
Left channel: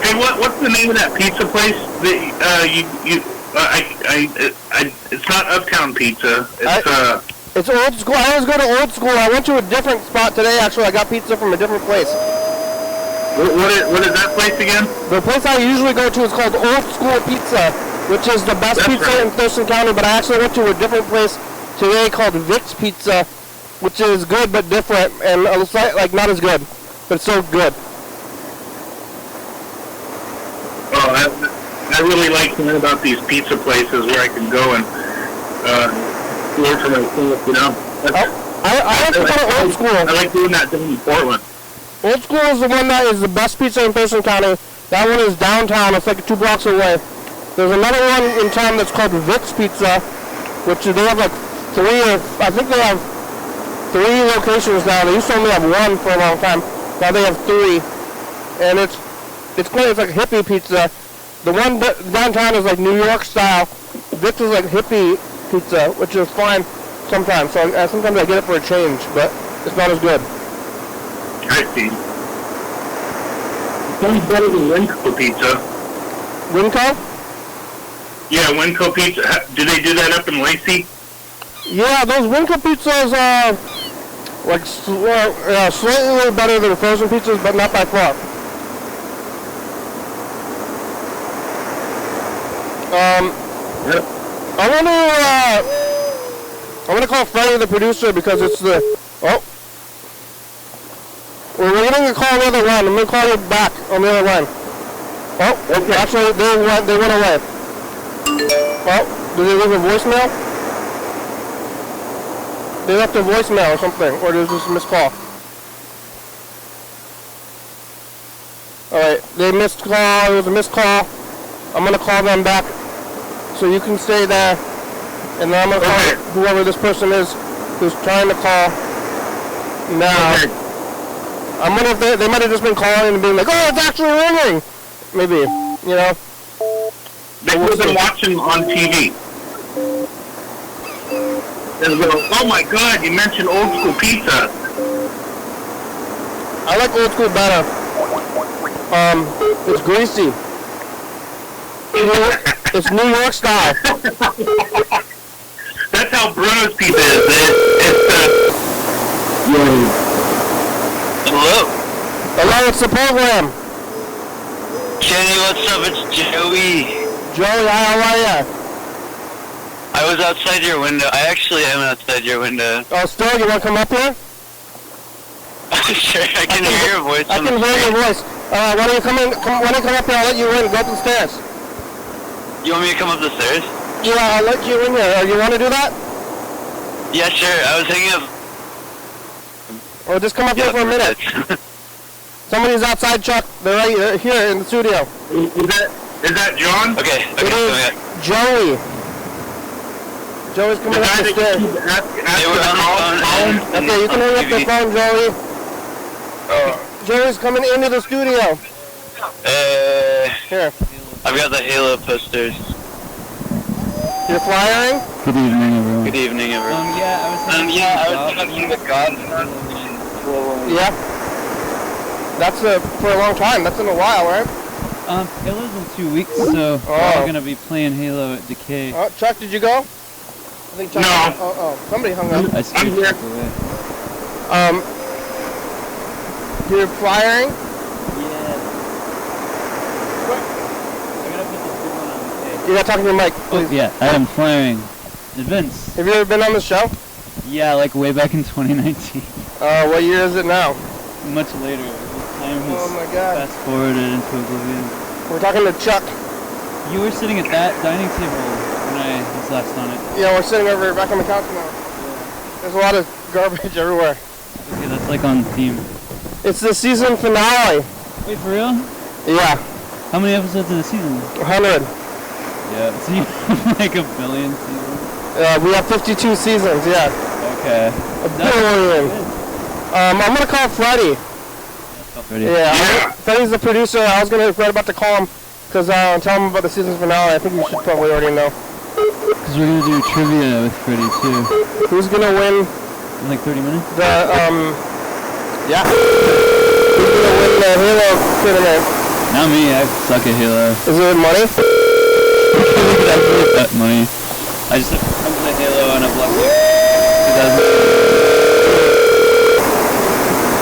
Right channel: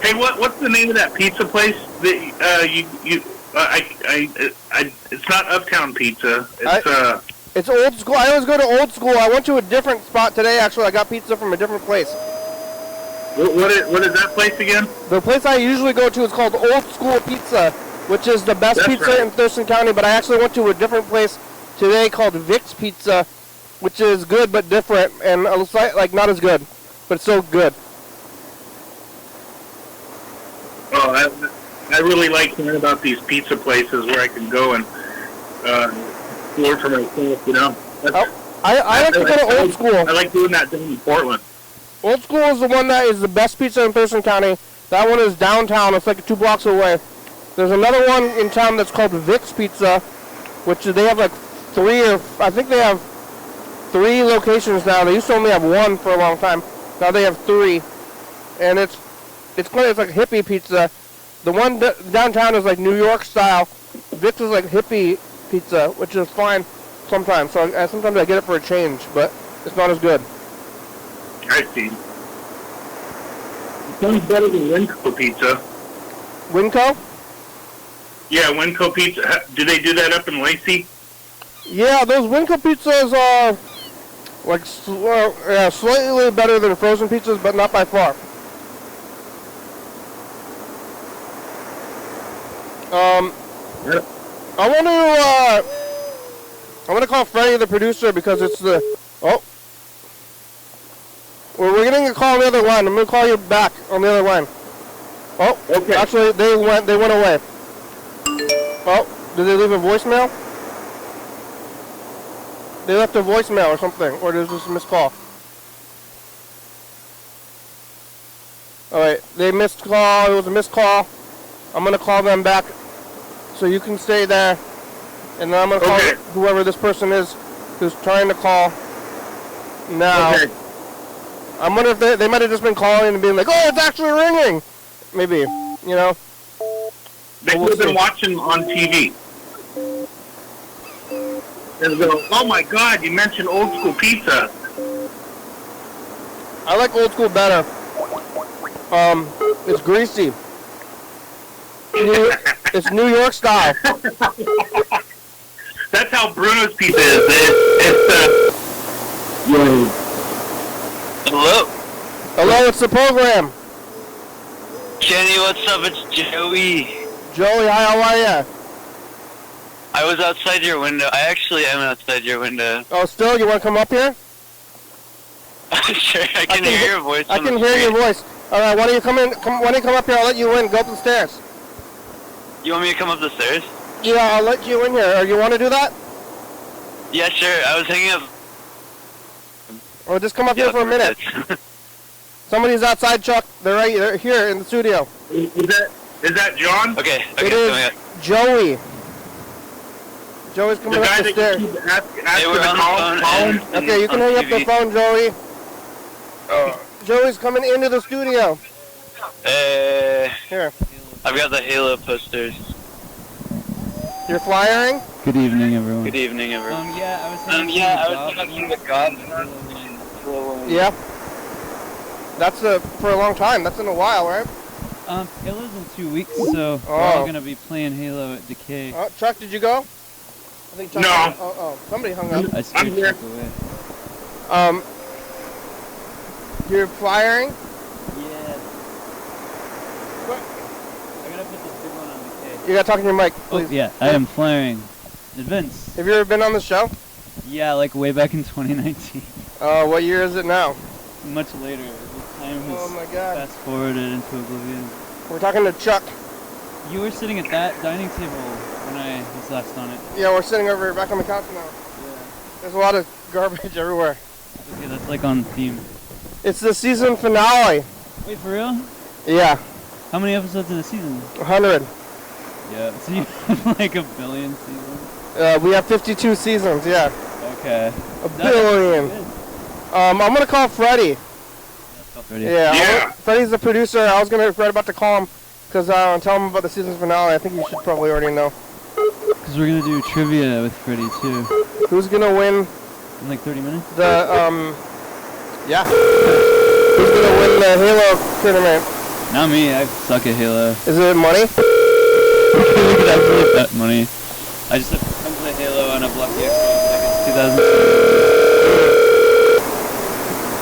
Hey, what's the name of that pizza place that it's not Uptown Pizza. It's Old School. I always go to Old School. I went to a different spot today. Actually, I got pizza from a different place. What is that place again? The place I usually go to is called Old School Pizza, which is the best pizza in Thurston County. But I actually went to a different place today called Vic's Pizza, which is good but different, and it's like not as good, but it's so good. Oh, I really like hearing about these pizza places where I can go and work for myself, I like to go to Old School. I like doing that down in Portland. Old School is the one that is the best pizza in Thurston County. That one is downtown. It's like 2 blocks away. There's another one in town that's called Vic's Pizza, which they have like 3 or I think they have 3 locations now. They used to only have 1 for a long time. Now they have 3, and it's great. It's like hippie pizza. The one downtown is like New York style. Vic's is like hippie pizza, which is fine sometimes. So sometimes I get it for a change, but it's not as good. I see. Who's better than Winco Pizza? Winco? Yeah, Winco Pizza. Do they do that up in Lacey? Yeah, those Winco pizzas like slightly better than frozen pizzas, but not by far. I'm gonna call Freddie the producer because it's the we're getting a call on the other line. I'm gonna call you back on the other line. Oh, okay. Actually, they went away. Oh, did they leave a voicemail? They left a voicemail or something, or it was just a missed call. Alright, they missed call, it was a missed call. I'm gonna call them back so you can stay there. And then I'm gonna call whoever this person is who's trying to call now. Okay. I'm wondering if they might have just been calling and being like, oh, it's actually ringing! Maybe, you know? They would have been watching on TV. And go, oh my God, you mentioned old school pizza. I like old school better. It's greasy. It's New York style. That's how Bruno's pizza is. Hello? Hello, it's the program. Jenny, what's up? It's Joey. Joey, how are ya? I was outside your window. I actually am outside your window. Oh, still? You want to come up here? Sure, I can hear your voice. I can hear your voice. Why don't you come in? When you come up here, I'll let you in. Go up the stairs. You want me to come up the stairs? Yeah, I'll let you in here. You want to do that? Yeah, sure. I was hanging up. Or just come up here for a minute. Somebody's outside, Chuck. They're right here in the studio. Is that John? Okay. It is Joey. Joey's coming up the stairs. Hey, we're on the phone. Okay, you can hang up the phone, Joey. Joey's coming into the studio. Here. I've got the Halo posters. You're flying? Good evening, everyone. Good evening, everyone. I was touching the gods. Yeah. That's for a long time. That's in a while, right? Halo's in 2 weeks, so we're gonna be playing Halo at Decay. Oh, Chuck, did you go? I think Chuck. No. Somebody hung up. I scared you away. You're flying? Yeah. I gotta put the good one on the cake. You gotta talk to your mic, Oh, please. yeah, I am flying. Vince. Have you ever been on the show? Yeah, like way back in 2019. What year is it now? Much later. The time has Oh my God. fast forwarded into oblivion. We're talking to Chuck. You were sitting at that dining table when I was last on it. Yeah, we're sitting over back on the couch now. There's a lot of garbage everywhere. Okay, that's like on theme. It's the season finale. Wait, for real? Yeah, How many episodes of the season? 100. Yeah, so you have like a billion seasons. We have 52 seasons, yeah. Okay. A billion. I'm gonna call Freddie. Ready? Yeah, Freddie's the producer. I was gonna right about to call him because tell him about the season finale. I think you should probably already know. Because we're gonna do trivia with Freddie too. Who's gonna win In like 30 minutes? the yeah? Who's gonna win the Halo tournament? Not me, I suck at Halo. Is it money? We could actually bet money. I just have to come to Halo on a block like 2000.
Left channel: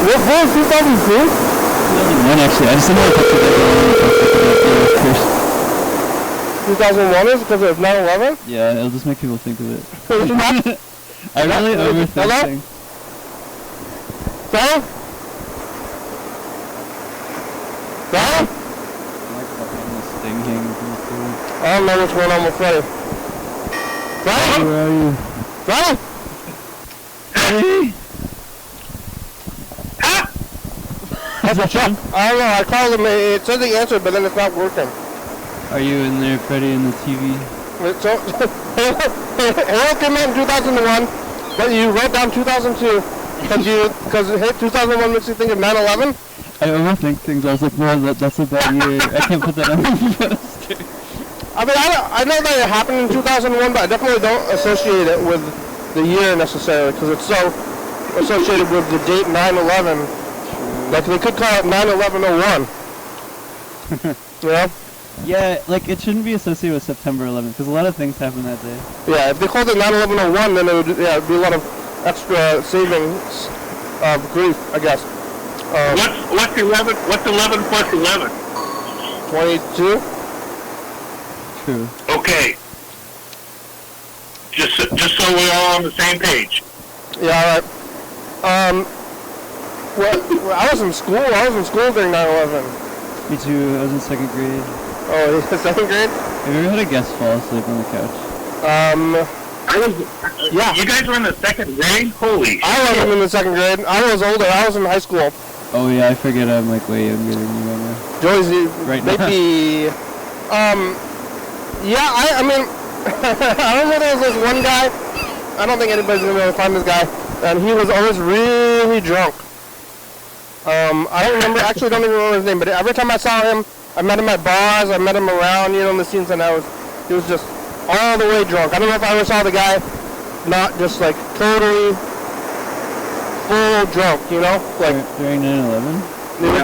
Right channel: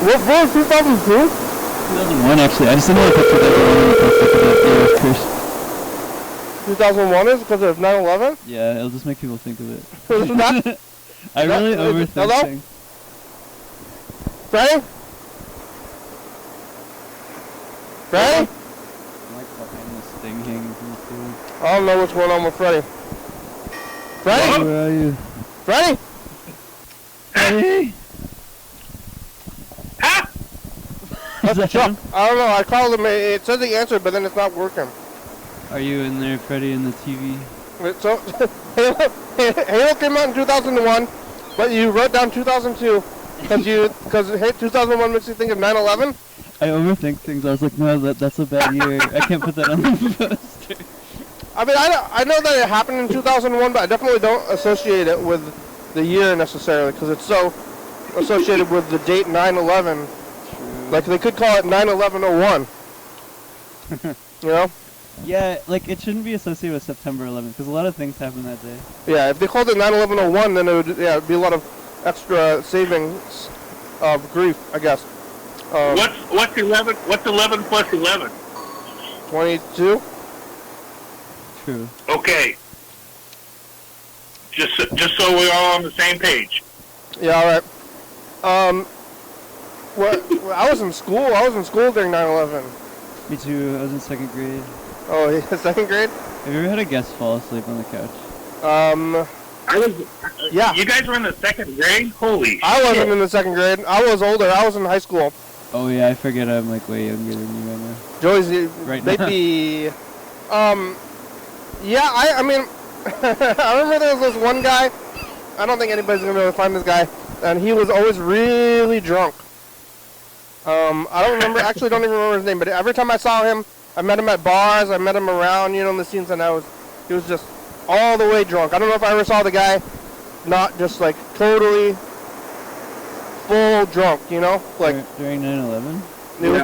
What was 2002? 2001 actually, I just didn't want to put of course. 2001 is because of 9/11? Yeah, it'll just make people think of it. Freddie? I really overthink Hello? things. Freddie? Freddie? This thing hanging from the ceiling. I don't know what's going on with Freddie. Freddie? Where are you? Freddie? Hey! Is that John? I don't know, I called him, it says he answered, but then it's not working. Are you in there, Freddie, in the TV? So, Halo came out in 2001, but you wrote down 2002, because 2001 makes you think of 9/11? I overthink things. I was like, no, that's a bad year. I can't put that on the poster. I mean, I know that it happened in 2001, but I definitely don't associate it with the year necessarily, because it's so associated with the date 9/11. Like, they could call it 9/11/01. You know? Yeah, like, it shouldn't be associated with September 11th, because a lot of things happen that day. Yeah, if they called it 9/11/01, then it'd be a lot of extra savings of grief, I guess. What's 11? What's 11 plus 11? 22? True. Okay. Just so we're all on the same page. Yeah, alright. Well, I was in school. During 9/11. Me too, I was in 2nd grade. Oh, 2nd grade? Have you ever had a guest fall asleep on the couch? Yeah. You guys were in the 2nd grade? Holy I shit. wasn't in the 2nd grade. I was older. I was in high school. Oh yeah, I forget I'm like way younger than you right now. Joyce, Right now. maybe, yeah, I mean, I remember there was this one guy, I don't think anybody's going to be able to find this guy, and he was always really drunk. I don't even remember his name, but every time I saw him, I met him at bars, I met him around, in the scenes, and he was just all the way drunk. I don't know if I ever saw the guy not just, like, totally full drunk, like... During 9/11? It was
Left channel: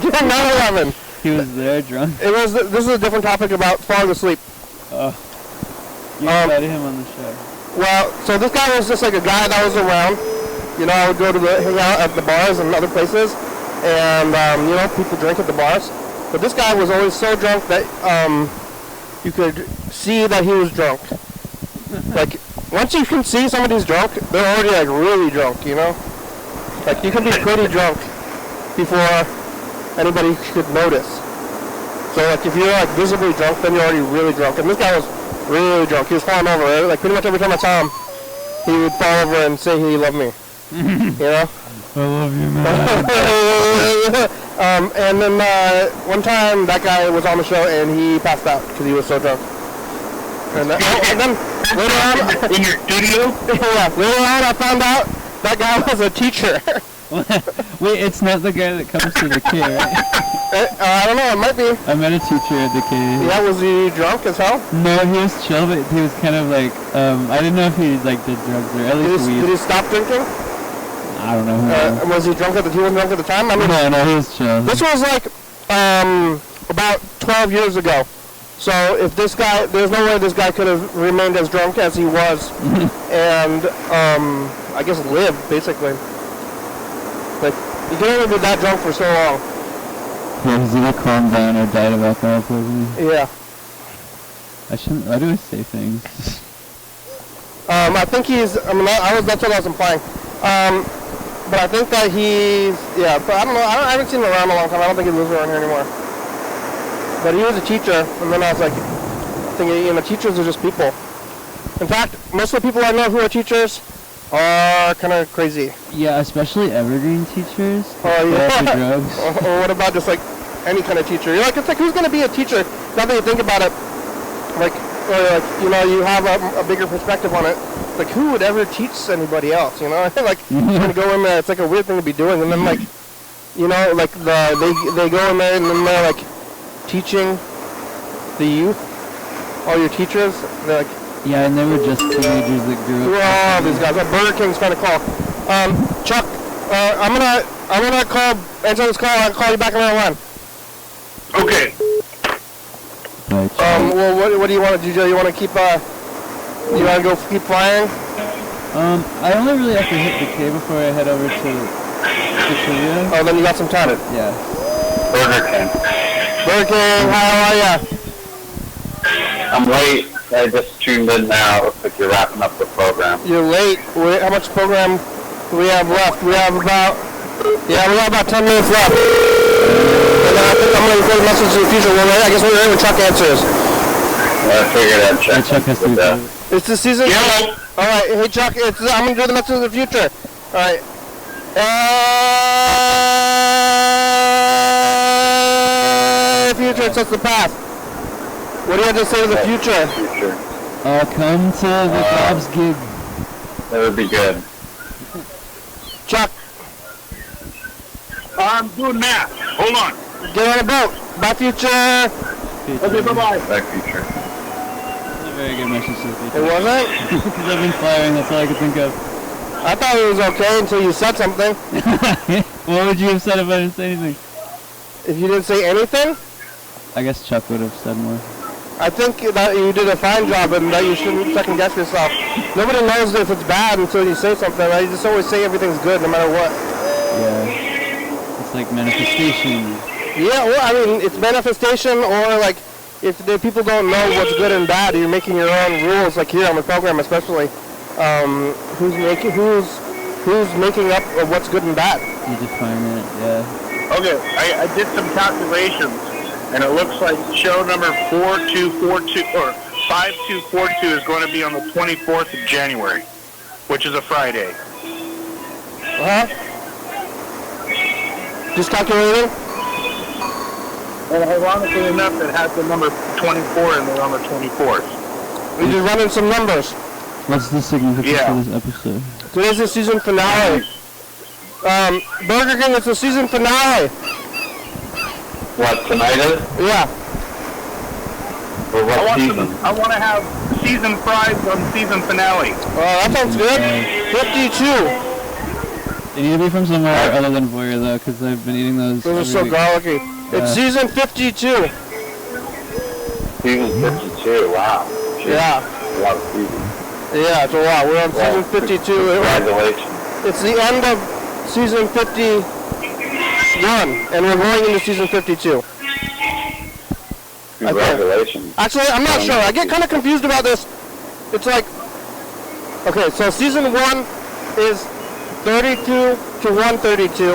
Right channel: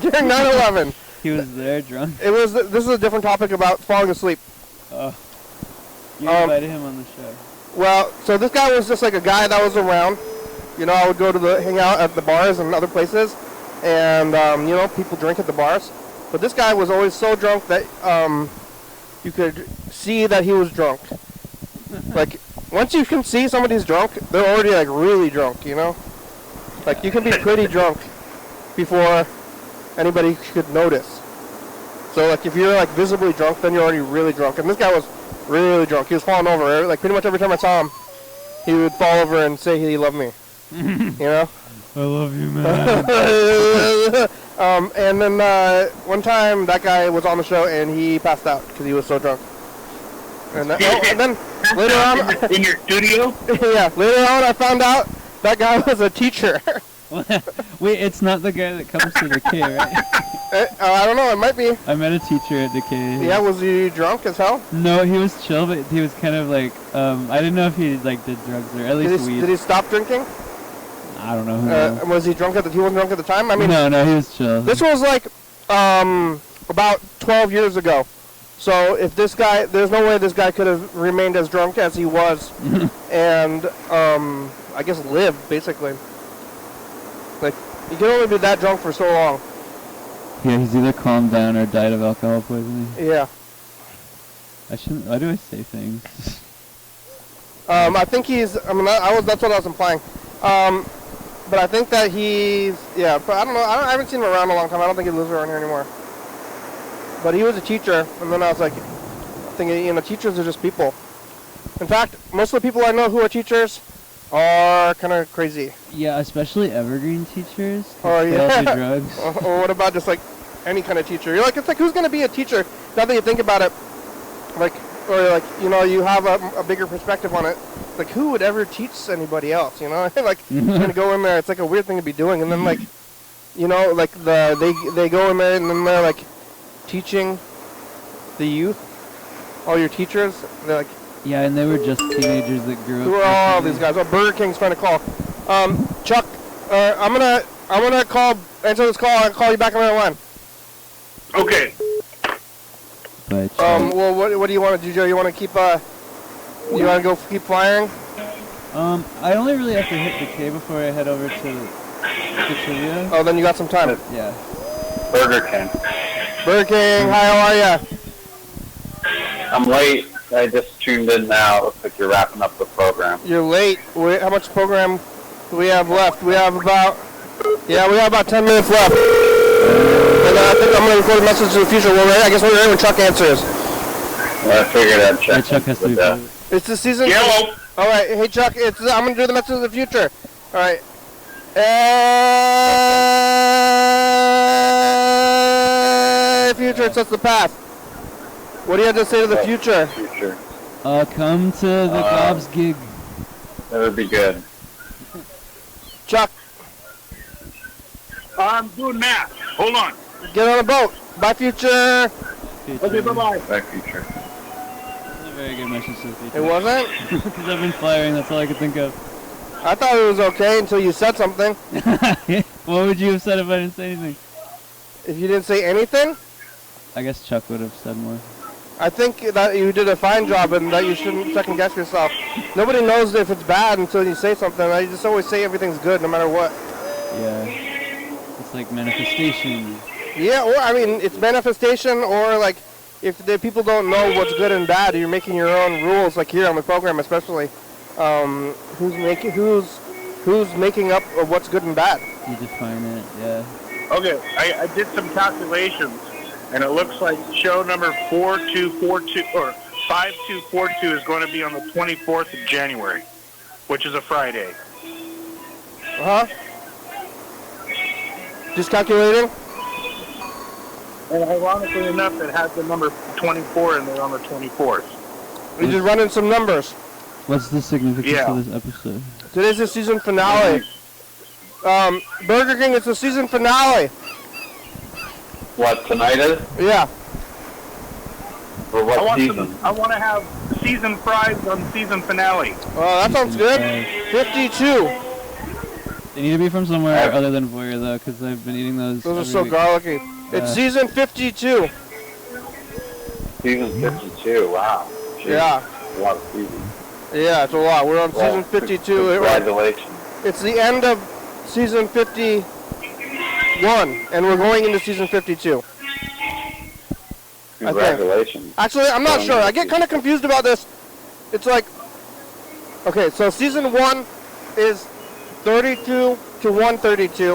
during 9/11. He was there drunk? This is a different topic about falling asleep. Oh. You invited him on the show. Well, so this guy was just like a guy that was around. I would go to hang out at the bars and other places, and people drink at the bars. But this guy was always so drunk that you could see that he was drunk. Like once you can see somebody's drunk, they're already like really drunk. Like you can be pretty drunk before anybody could notice. So like if you're like visibly drunk, then you're already really drunk. And this guy was really drunk. He was falling over. Like pretty much every time I saw him, he would fall over and say he loved me. I love you, man. And then one time that guy was on the show and he passed out because he was so drunk. And then later on, in your studio? yeah, later on I found out that guy was a teacher. Wait, it's not the guy that comes to the K, right? I don't know, it might be. I met a teacher at the K. Yeah, was he drunk as hell? No, he was chill, but he was kind of like, I didn't know if he like did drugs or at least weed. Did he stop drinking? I don't know. Was he drunk he wasn't drunk at the time? I mean, no, he was chill. this was like about 12 years ago. So if this guy, there's no way this guy could have remained as drunk as he was, and I guess lived basically. Like you can only be that drunk for so long. Yeah, he's either calmed down or died of alcohol poisoning. Yeah. I shouldn't. Why do I say things? I think he's. That's what I was implying. But I think that he's. Yeah, but I don't know. I haven't seen him around a long time. I don't think he lives around here anymore. But he was a teacher, and then I was like thinking, teachers are just people. In fact, most of the people I know who are teachers are kind of crazy. Yeah, especially evergreen teachers. Oh yeah. Drugs. Or what about just like any kind of teacher? It's like who's going to be a teacher? Now that you think about it, you have a bigger perspective on it. Like who would ever teach anybody else? I feel like when you go in there, it's like a weird thing to be doing, and then they go in there and then they're like teaching the youth, all your teachers. They're like. Yeah, and they were just teenagers that grew up. Oh, these guys. Burger King's trying to call. Chuck, I'm gonna answer this call. I'll call you back on the line. Okay. Well, what do you want to do? You want to keep, you want to go keep flying? I only really have to hit the K before I head over to Korea. Oh, then you got some time. Yeah. Burger King. Burger King, how are ya? I'm late. I just tuned in now. Looks like you're wrapping up the program. You're late. How much program do we have left? We have about 10 minutes left. And I think I'm going to record a message to the future. I guess we're in Chuck answers. I figured I'd check. Chuck has to It's the season? Yeah. All right. Hey, Chuck, I'm going to do the message to the future. All right. Future, it's just the past. What do you have to say to the future? I'll come to the Bob's gig. That would be good. Chuck. I'm doing math. Hold on. Get on a boat. Bye, future. Okay, bye-bye. Back future. That's a very good message to the future. It wasn't? Because I've been flying, that's all I could think of. I thought it was okay until you said something. What would you have said if I didn't say anything? If you didn't say anything? I guess Chuck would have said more. I think that you did a fine job and that you shouldn't second guess yourself. Nobody knows if it's bad until you say something. I just always say everything's good no matter what. Yeah. It's like manifestation. Yeah, well, I mean, it's manifestation, or like if the people don't know what's good and bad, you're making your own rules. Like here on the program, especially, who's making up of what's good and bad? You define it, yeah. Okay, I did some calculations, and it looks like show number 4242 or 5242 is going to be on the 24th of January, which is a Friday. Just calculating. And ironically enough, it has the number 24 in there on the 24th. You're just running some numbers. What's the significance Yeah. of this episode? Today's the season finale. Burger King, it's the season finale. What, tonight is? Yeah. For what season? I want to have season fries on season finale. That sounds good. 52. They need to be from somewhere other than Voyeur, though, because I've been eating those. Those are so every week. garlicky. It's season 52. Season 52, wow. Jeez. Yeah. A lot of seasons. Yeah, it's a lot. We're on season 52. Congratulations. It's the end of season 51, and we're going into season 52. Congratulations. Actually, I'm not sure. I get kind of confused about this. It's like, okay, so season 1 is 32 to 132,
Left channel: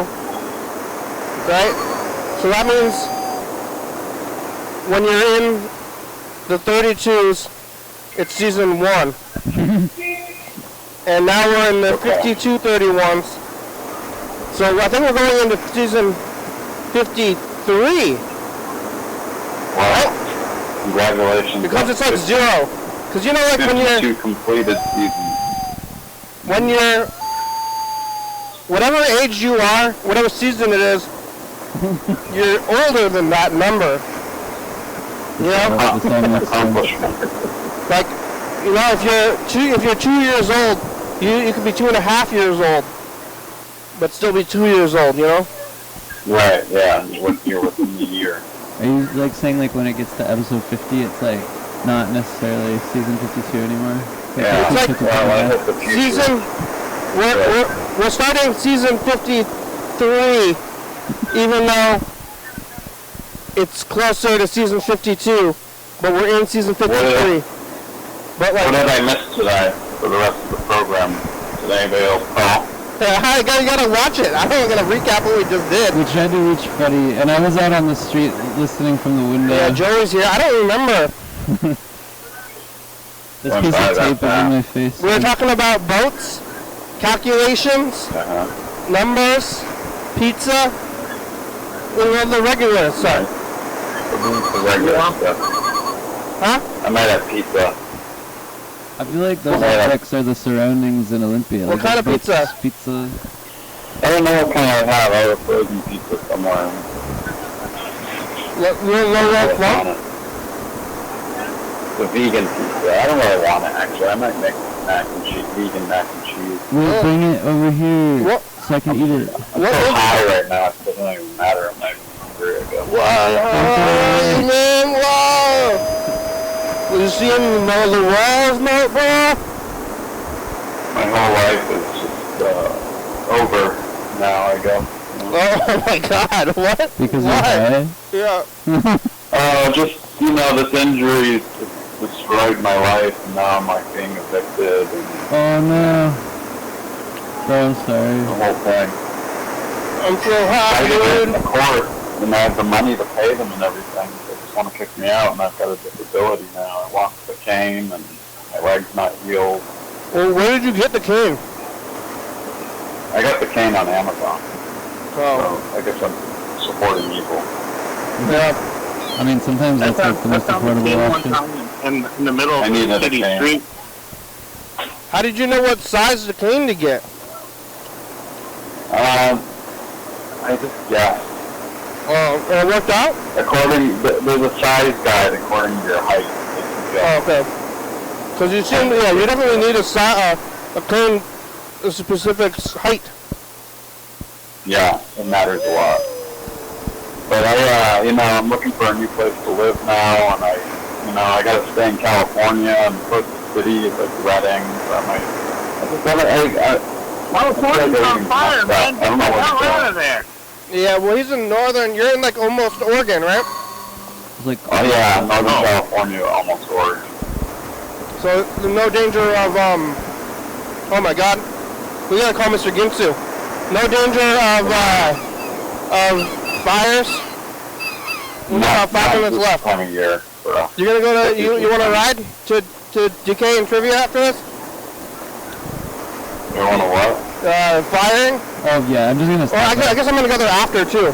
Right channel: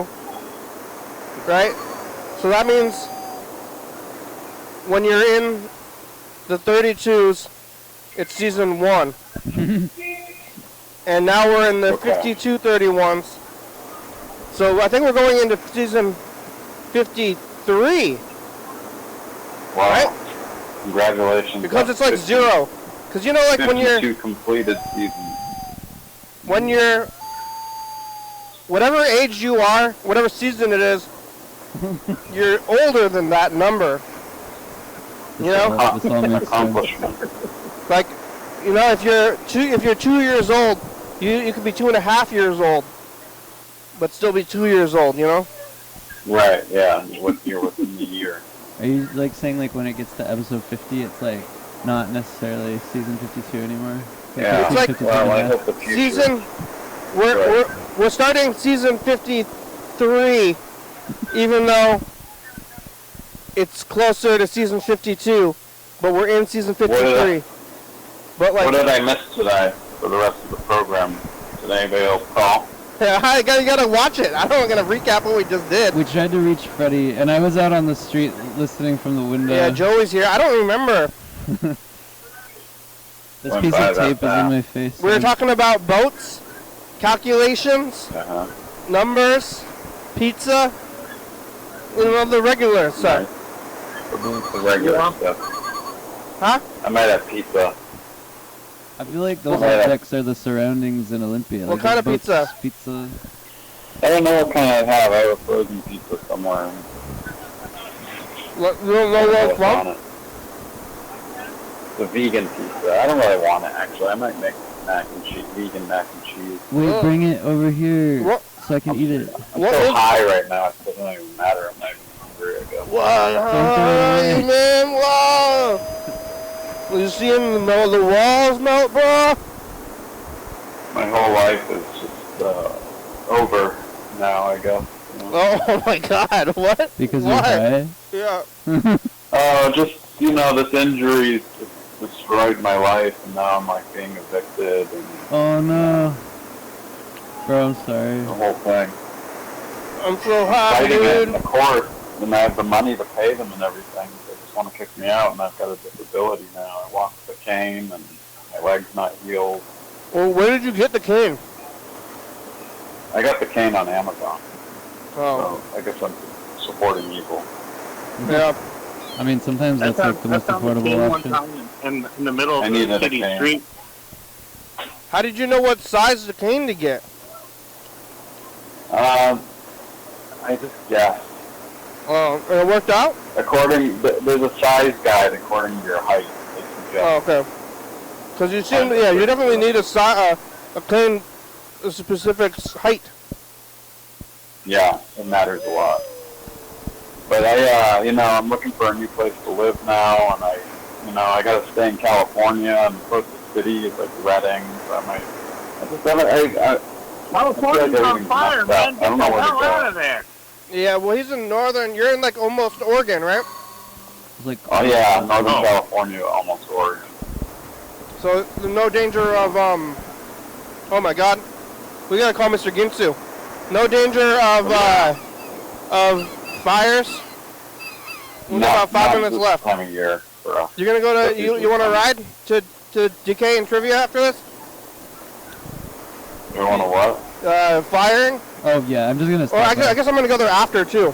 right? So that means when you're in the 32s, it's season 1. And now we're in the 52 31s. So I think we're going into season 53. Wow. Congratulations. Because it's like 0. Because you know, like when you're... 52 completed seasons. When you're... Whatever age you are, whatever season it is, you're older than that number. You know? Accomplishment. Like, you know, if you're 2 years old, you could be 2.5 years old, but still be 2 years old, you know? Right, yeah. You're within the year. Are you like saying like when it gets to episode 50, it's like not necessarily season 52 anymore? Yeah. It's like I hope the future. season... We're starting season 53, even though it's closer to season 52, but we're in season 53. But like, What did I miss today for the rest of the program? Did anybody else call? yeah, you gotta watch it. I'm not gonna recap what we just did. We tried to reach Freddie, and I was out on the street listening from the window. Yeah, Joey's here. I don't remember. This piece of tape is in my face. We were talking about boats, calculations, numbers, pizza, and all the regular stuff. The regular stuff. Huh? I might have pizza. I feel like those objects are the surroundings in Olympia. What like kind of boats, pizza? Pizza. I don't know what kind I have. I have a frozen pizza somewhere. No, The vegan pizza. I don't really want it, actually. I might make mac and cheese, vegan mac and cheese. We'll bring it over here What? so I can eat it. I'm so high right now, it doesn't even matter. I'm not even hungry, I guess. Man, wow! Well, you see him in the middle of the walls, mate, bro? My whole life is just over now, I guess. Oh my God! What? Because Why? you're high? Yeah. Just, you know, this injury destroyed my life, and now I'm like being evicted, and Oh no. Oh, I'm the sorry. whole thing. I'm so I happy, didn't get dude. in the court, and I have the money to pay them and everything. They just want to kick me out, and I've got a disability now. I walk with a cane, and my leg's not healed. Well, where did you get the cane? I got the cane on Amazon, Oh. so I guess I'm supporting evil. Yeah. I mean, sometimes that's like the most affordable option. In the middle I of needed the a city cane. street. How did you know what size of the cane to get? I just guessed. Oh, and it worked out? There's a size guide according to your height. Oh, okay. Because you seem, yeah, you definitely need a cane, a specific height. Yeah, it matters a lot. But I'm looking for a new place to live now, and I got to stay in California and close to the city, it's like Redding, so California's on fire, man. I don't know Get the hell out of there. Yeah, well, he's in northern. You're in like almost Oregon, right? It's like, Oh yeah, Northern California, almost Oregon. So there's no danger of Oh my God, we gotta call Mr. Ginsu. No danger of fires. We got 5 minutes this left. time of year for us. You're gonna go to you want to ride to DK and Trivia after us? You want to what? Firing? oh yeah, I'm just gonna Or stop. I guess I'm gonna go there after too.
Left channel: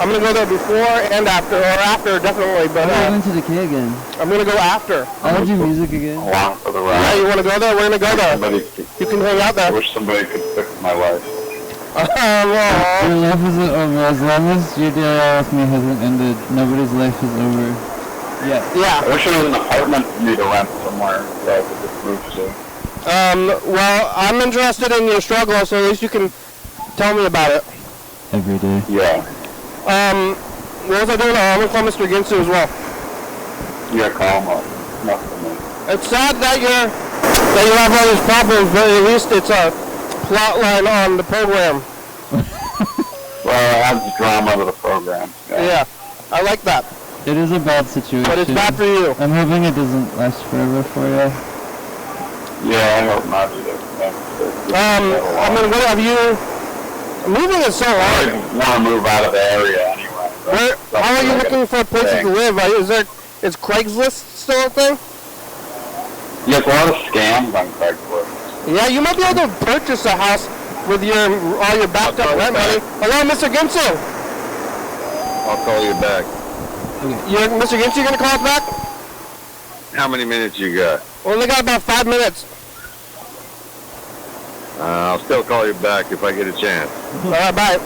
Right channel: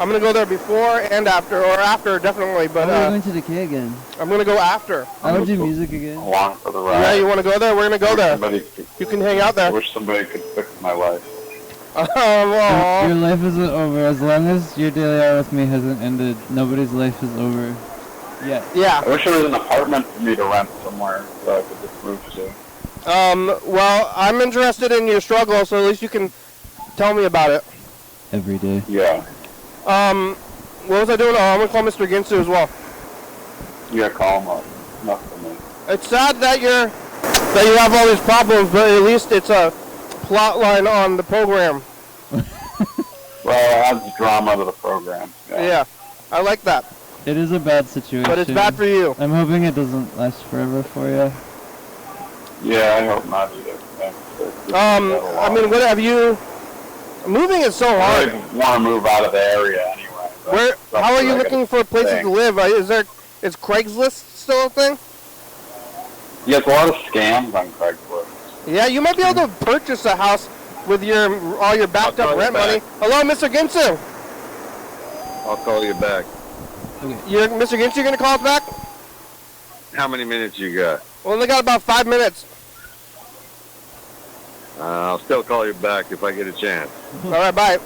I'm gonna go there before and after, or after definitely, but I'm going to Decay again. I'm gonna go after. I want to do music again. Along for the Yeah, ride. you wanna go there? We're gonna go there. You can hang out I there. wish somebody could fix my life. Aw. Your life isn't over. As long as your day with me hasn't ended, nobody's life is over. Yeah. Yeah. I wish there was an apartment for me to rent somewhere that I could just move to. Well, I'm interested in your struggle, so at least you can tell me about it. Every day. Yeah. What was I doing? I'm gonna call Mr. Ginsu as well. Yeah, call him up. Not for me. It's sad that you have all these problems, but at least it's a plot line on the program. Well, it adds drama to the program. Yeah, I like that. It is a bad situation. But it's bad for you. I'm hoping it doesn't last forever for you. Yeah, I hope not either. What have you? Moving is so I hard. want to move out of the area anyway. How are you looking for places to live? Is Craigslist still a thing? Yeah, there's a lot of scams on Craigslist. Yeah, you might be able to purchase a house with all your backed up rent money. Hello, Mr. Ginsu. I'll call you back. Mr. Ginsu, you gonna call us back? How many minutes you got? We only got about 5 minutes. I'll still call you back if I get a chance. All right, bye.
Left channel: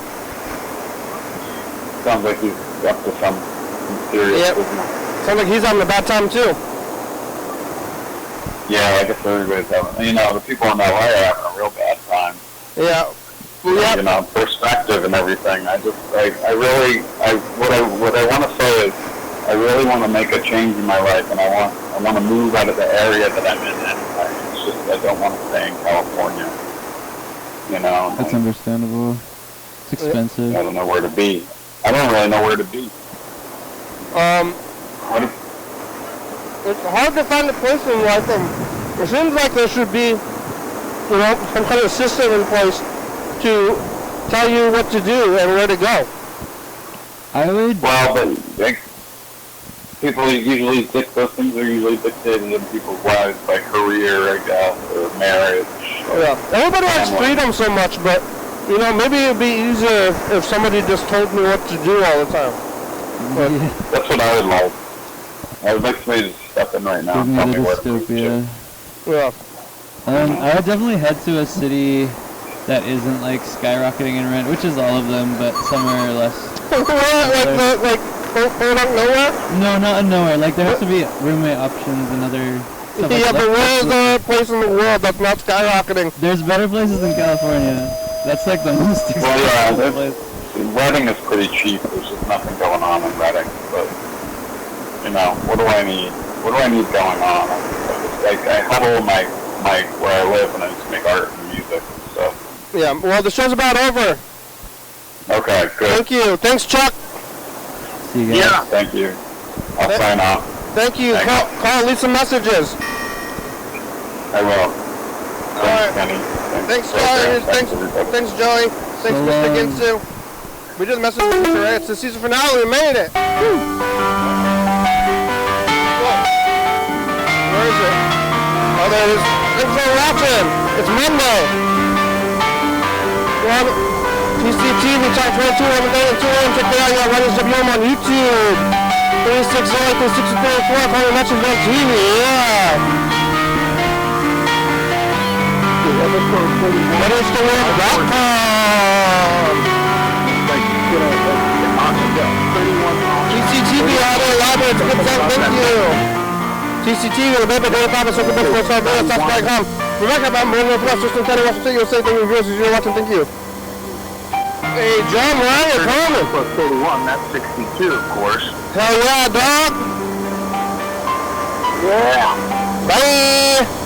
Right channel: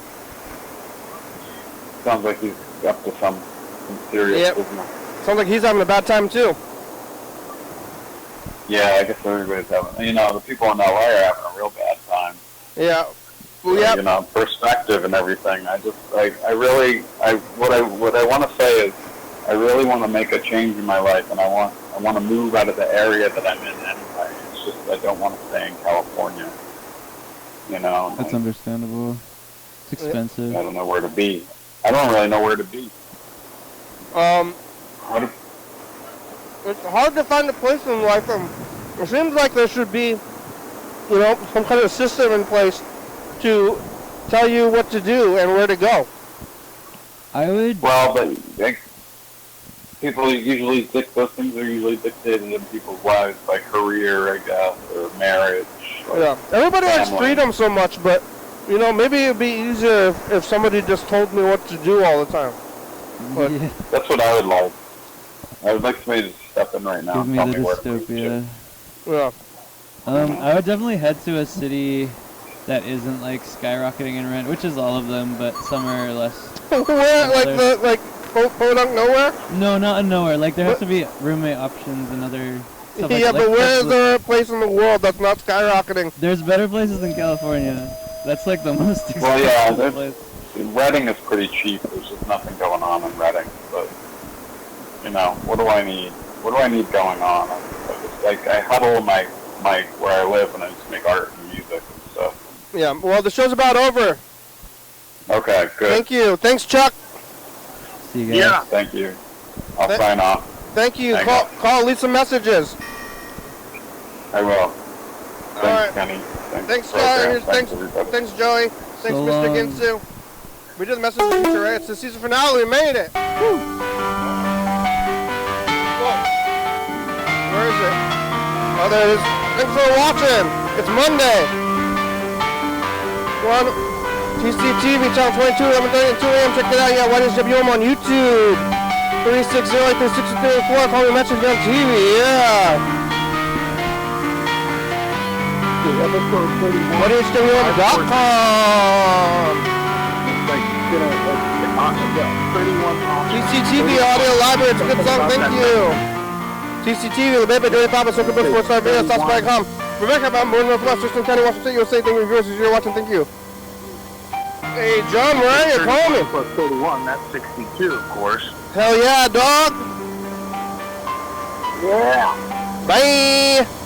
Sounds like he's up to some serious Yep. business. Sounds like he's having a bad time too. Yeah, I guess everybody's having, the people in LA are having a real bad time. Yeah. Well, yeah. Perspective and everything. What I want to say is, I really want to make a change in my life, and I want to move out of the area that I'm in anyway. It's just, I don't want to stay in California. That's understandable. It's expensive. I don't know where to be. I don't really know where to be. It's hard to find a place in life. It seems like there should be, some kind of system in place to tell you what to do and where to go. I would. Well, but people usually those things are usually dictated in people's lives by career, I guess, or marriage. Yeah. Everybody has freedom so much, but maybe it'd be easier if somebody just told me what to do all the time. But, that's what I would like. I would like somebody to step in right now Give and me tell the me where to move to. dystopia. yeah. I would definitely head to a city that isn't like skyrocketing in rent, which is all of them, but somewhere less. like nowhere? No, not in nowhere. Like there has to be roommate options and other stuff. Yeah, like but that. where's the place in the world that's not skyrocketing? There's better places than California. That's like the most expensive place. Redding is pretty cheap. There's just nothing going on in Redding. But, what do I need? What do I need going on? I huddle my where I live and I just make art and music and stuff. Yeah, well, the show's about over. Okay, good. Thank you. Thanks, Chuck. See you guys. Yeah. Thank you. I'll sign off. Thank you. Thanks. Call, leave some messages. I will. All right. Kenny. Thanks, everybody. Thanks, Joey. Thanks, So Mr. long. Ginsu. We just messaged Mr. Ray. It's the season finale. We made it. Where is it? Oh, there it is. Thanks for watching. It's Monday. TCTV, channel 22, 11:30 and 2 a.m. Check it out. YDHWM on YouTube. 360-364. Call me message on TV. Yeah. YDHWM.com. TCTV, audio live. It's good stuff. Thank you. TCTV, the baby, 35, Circle Bush, 45, South.com. Rebecca, I'm Thurston County, Washington. You're safe and your viewers as you're watching. Thank you. Hey, John Ryan, call me. Plus 31, that's 62, of course. Hell yeah, dog. Yeah. Bye.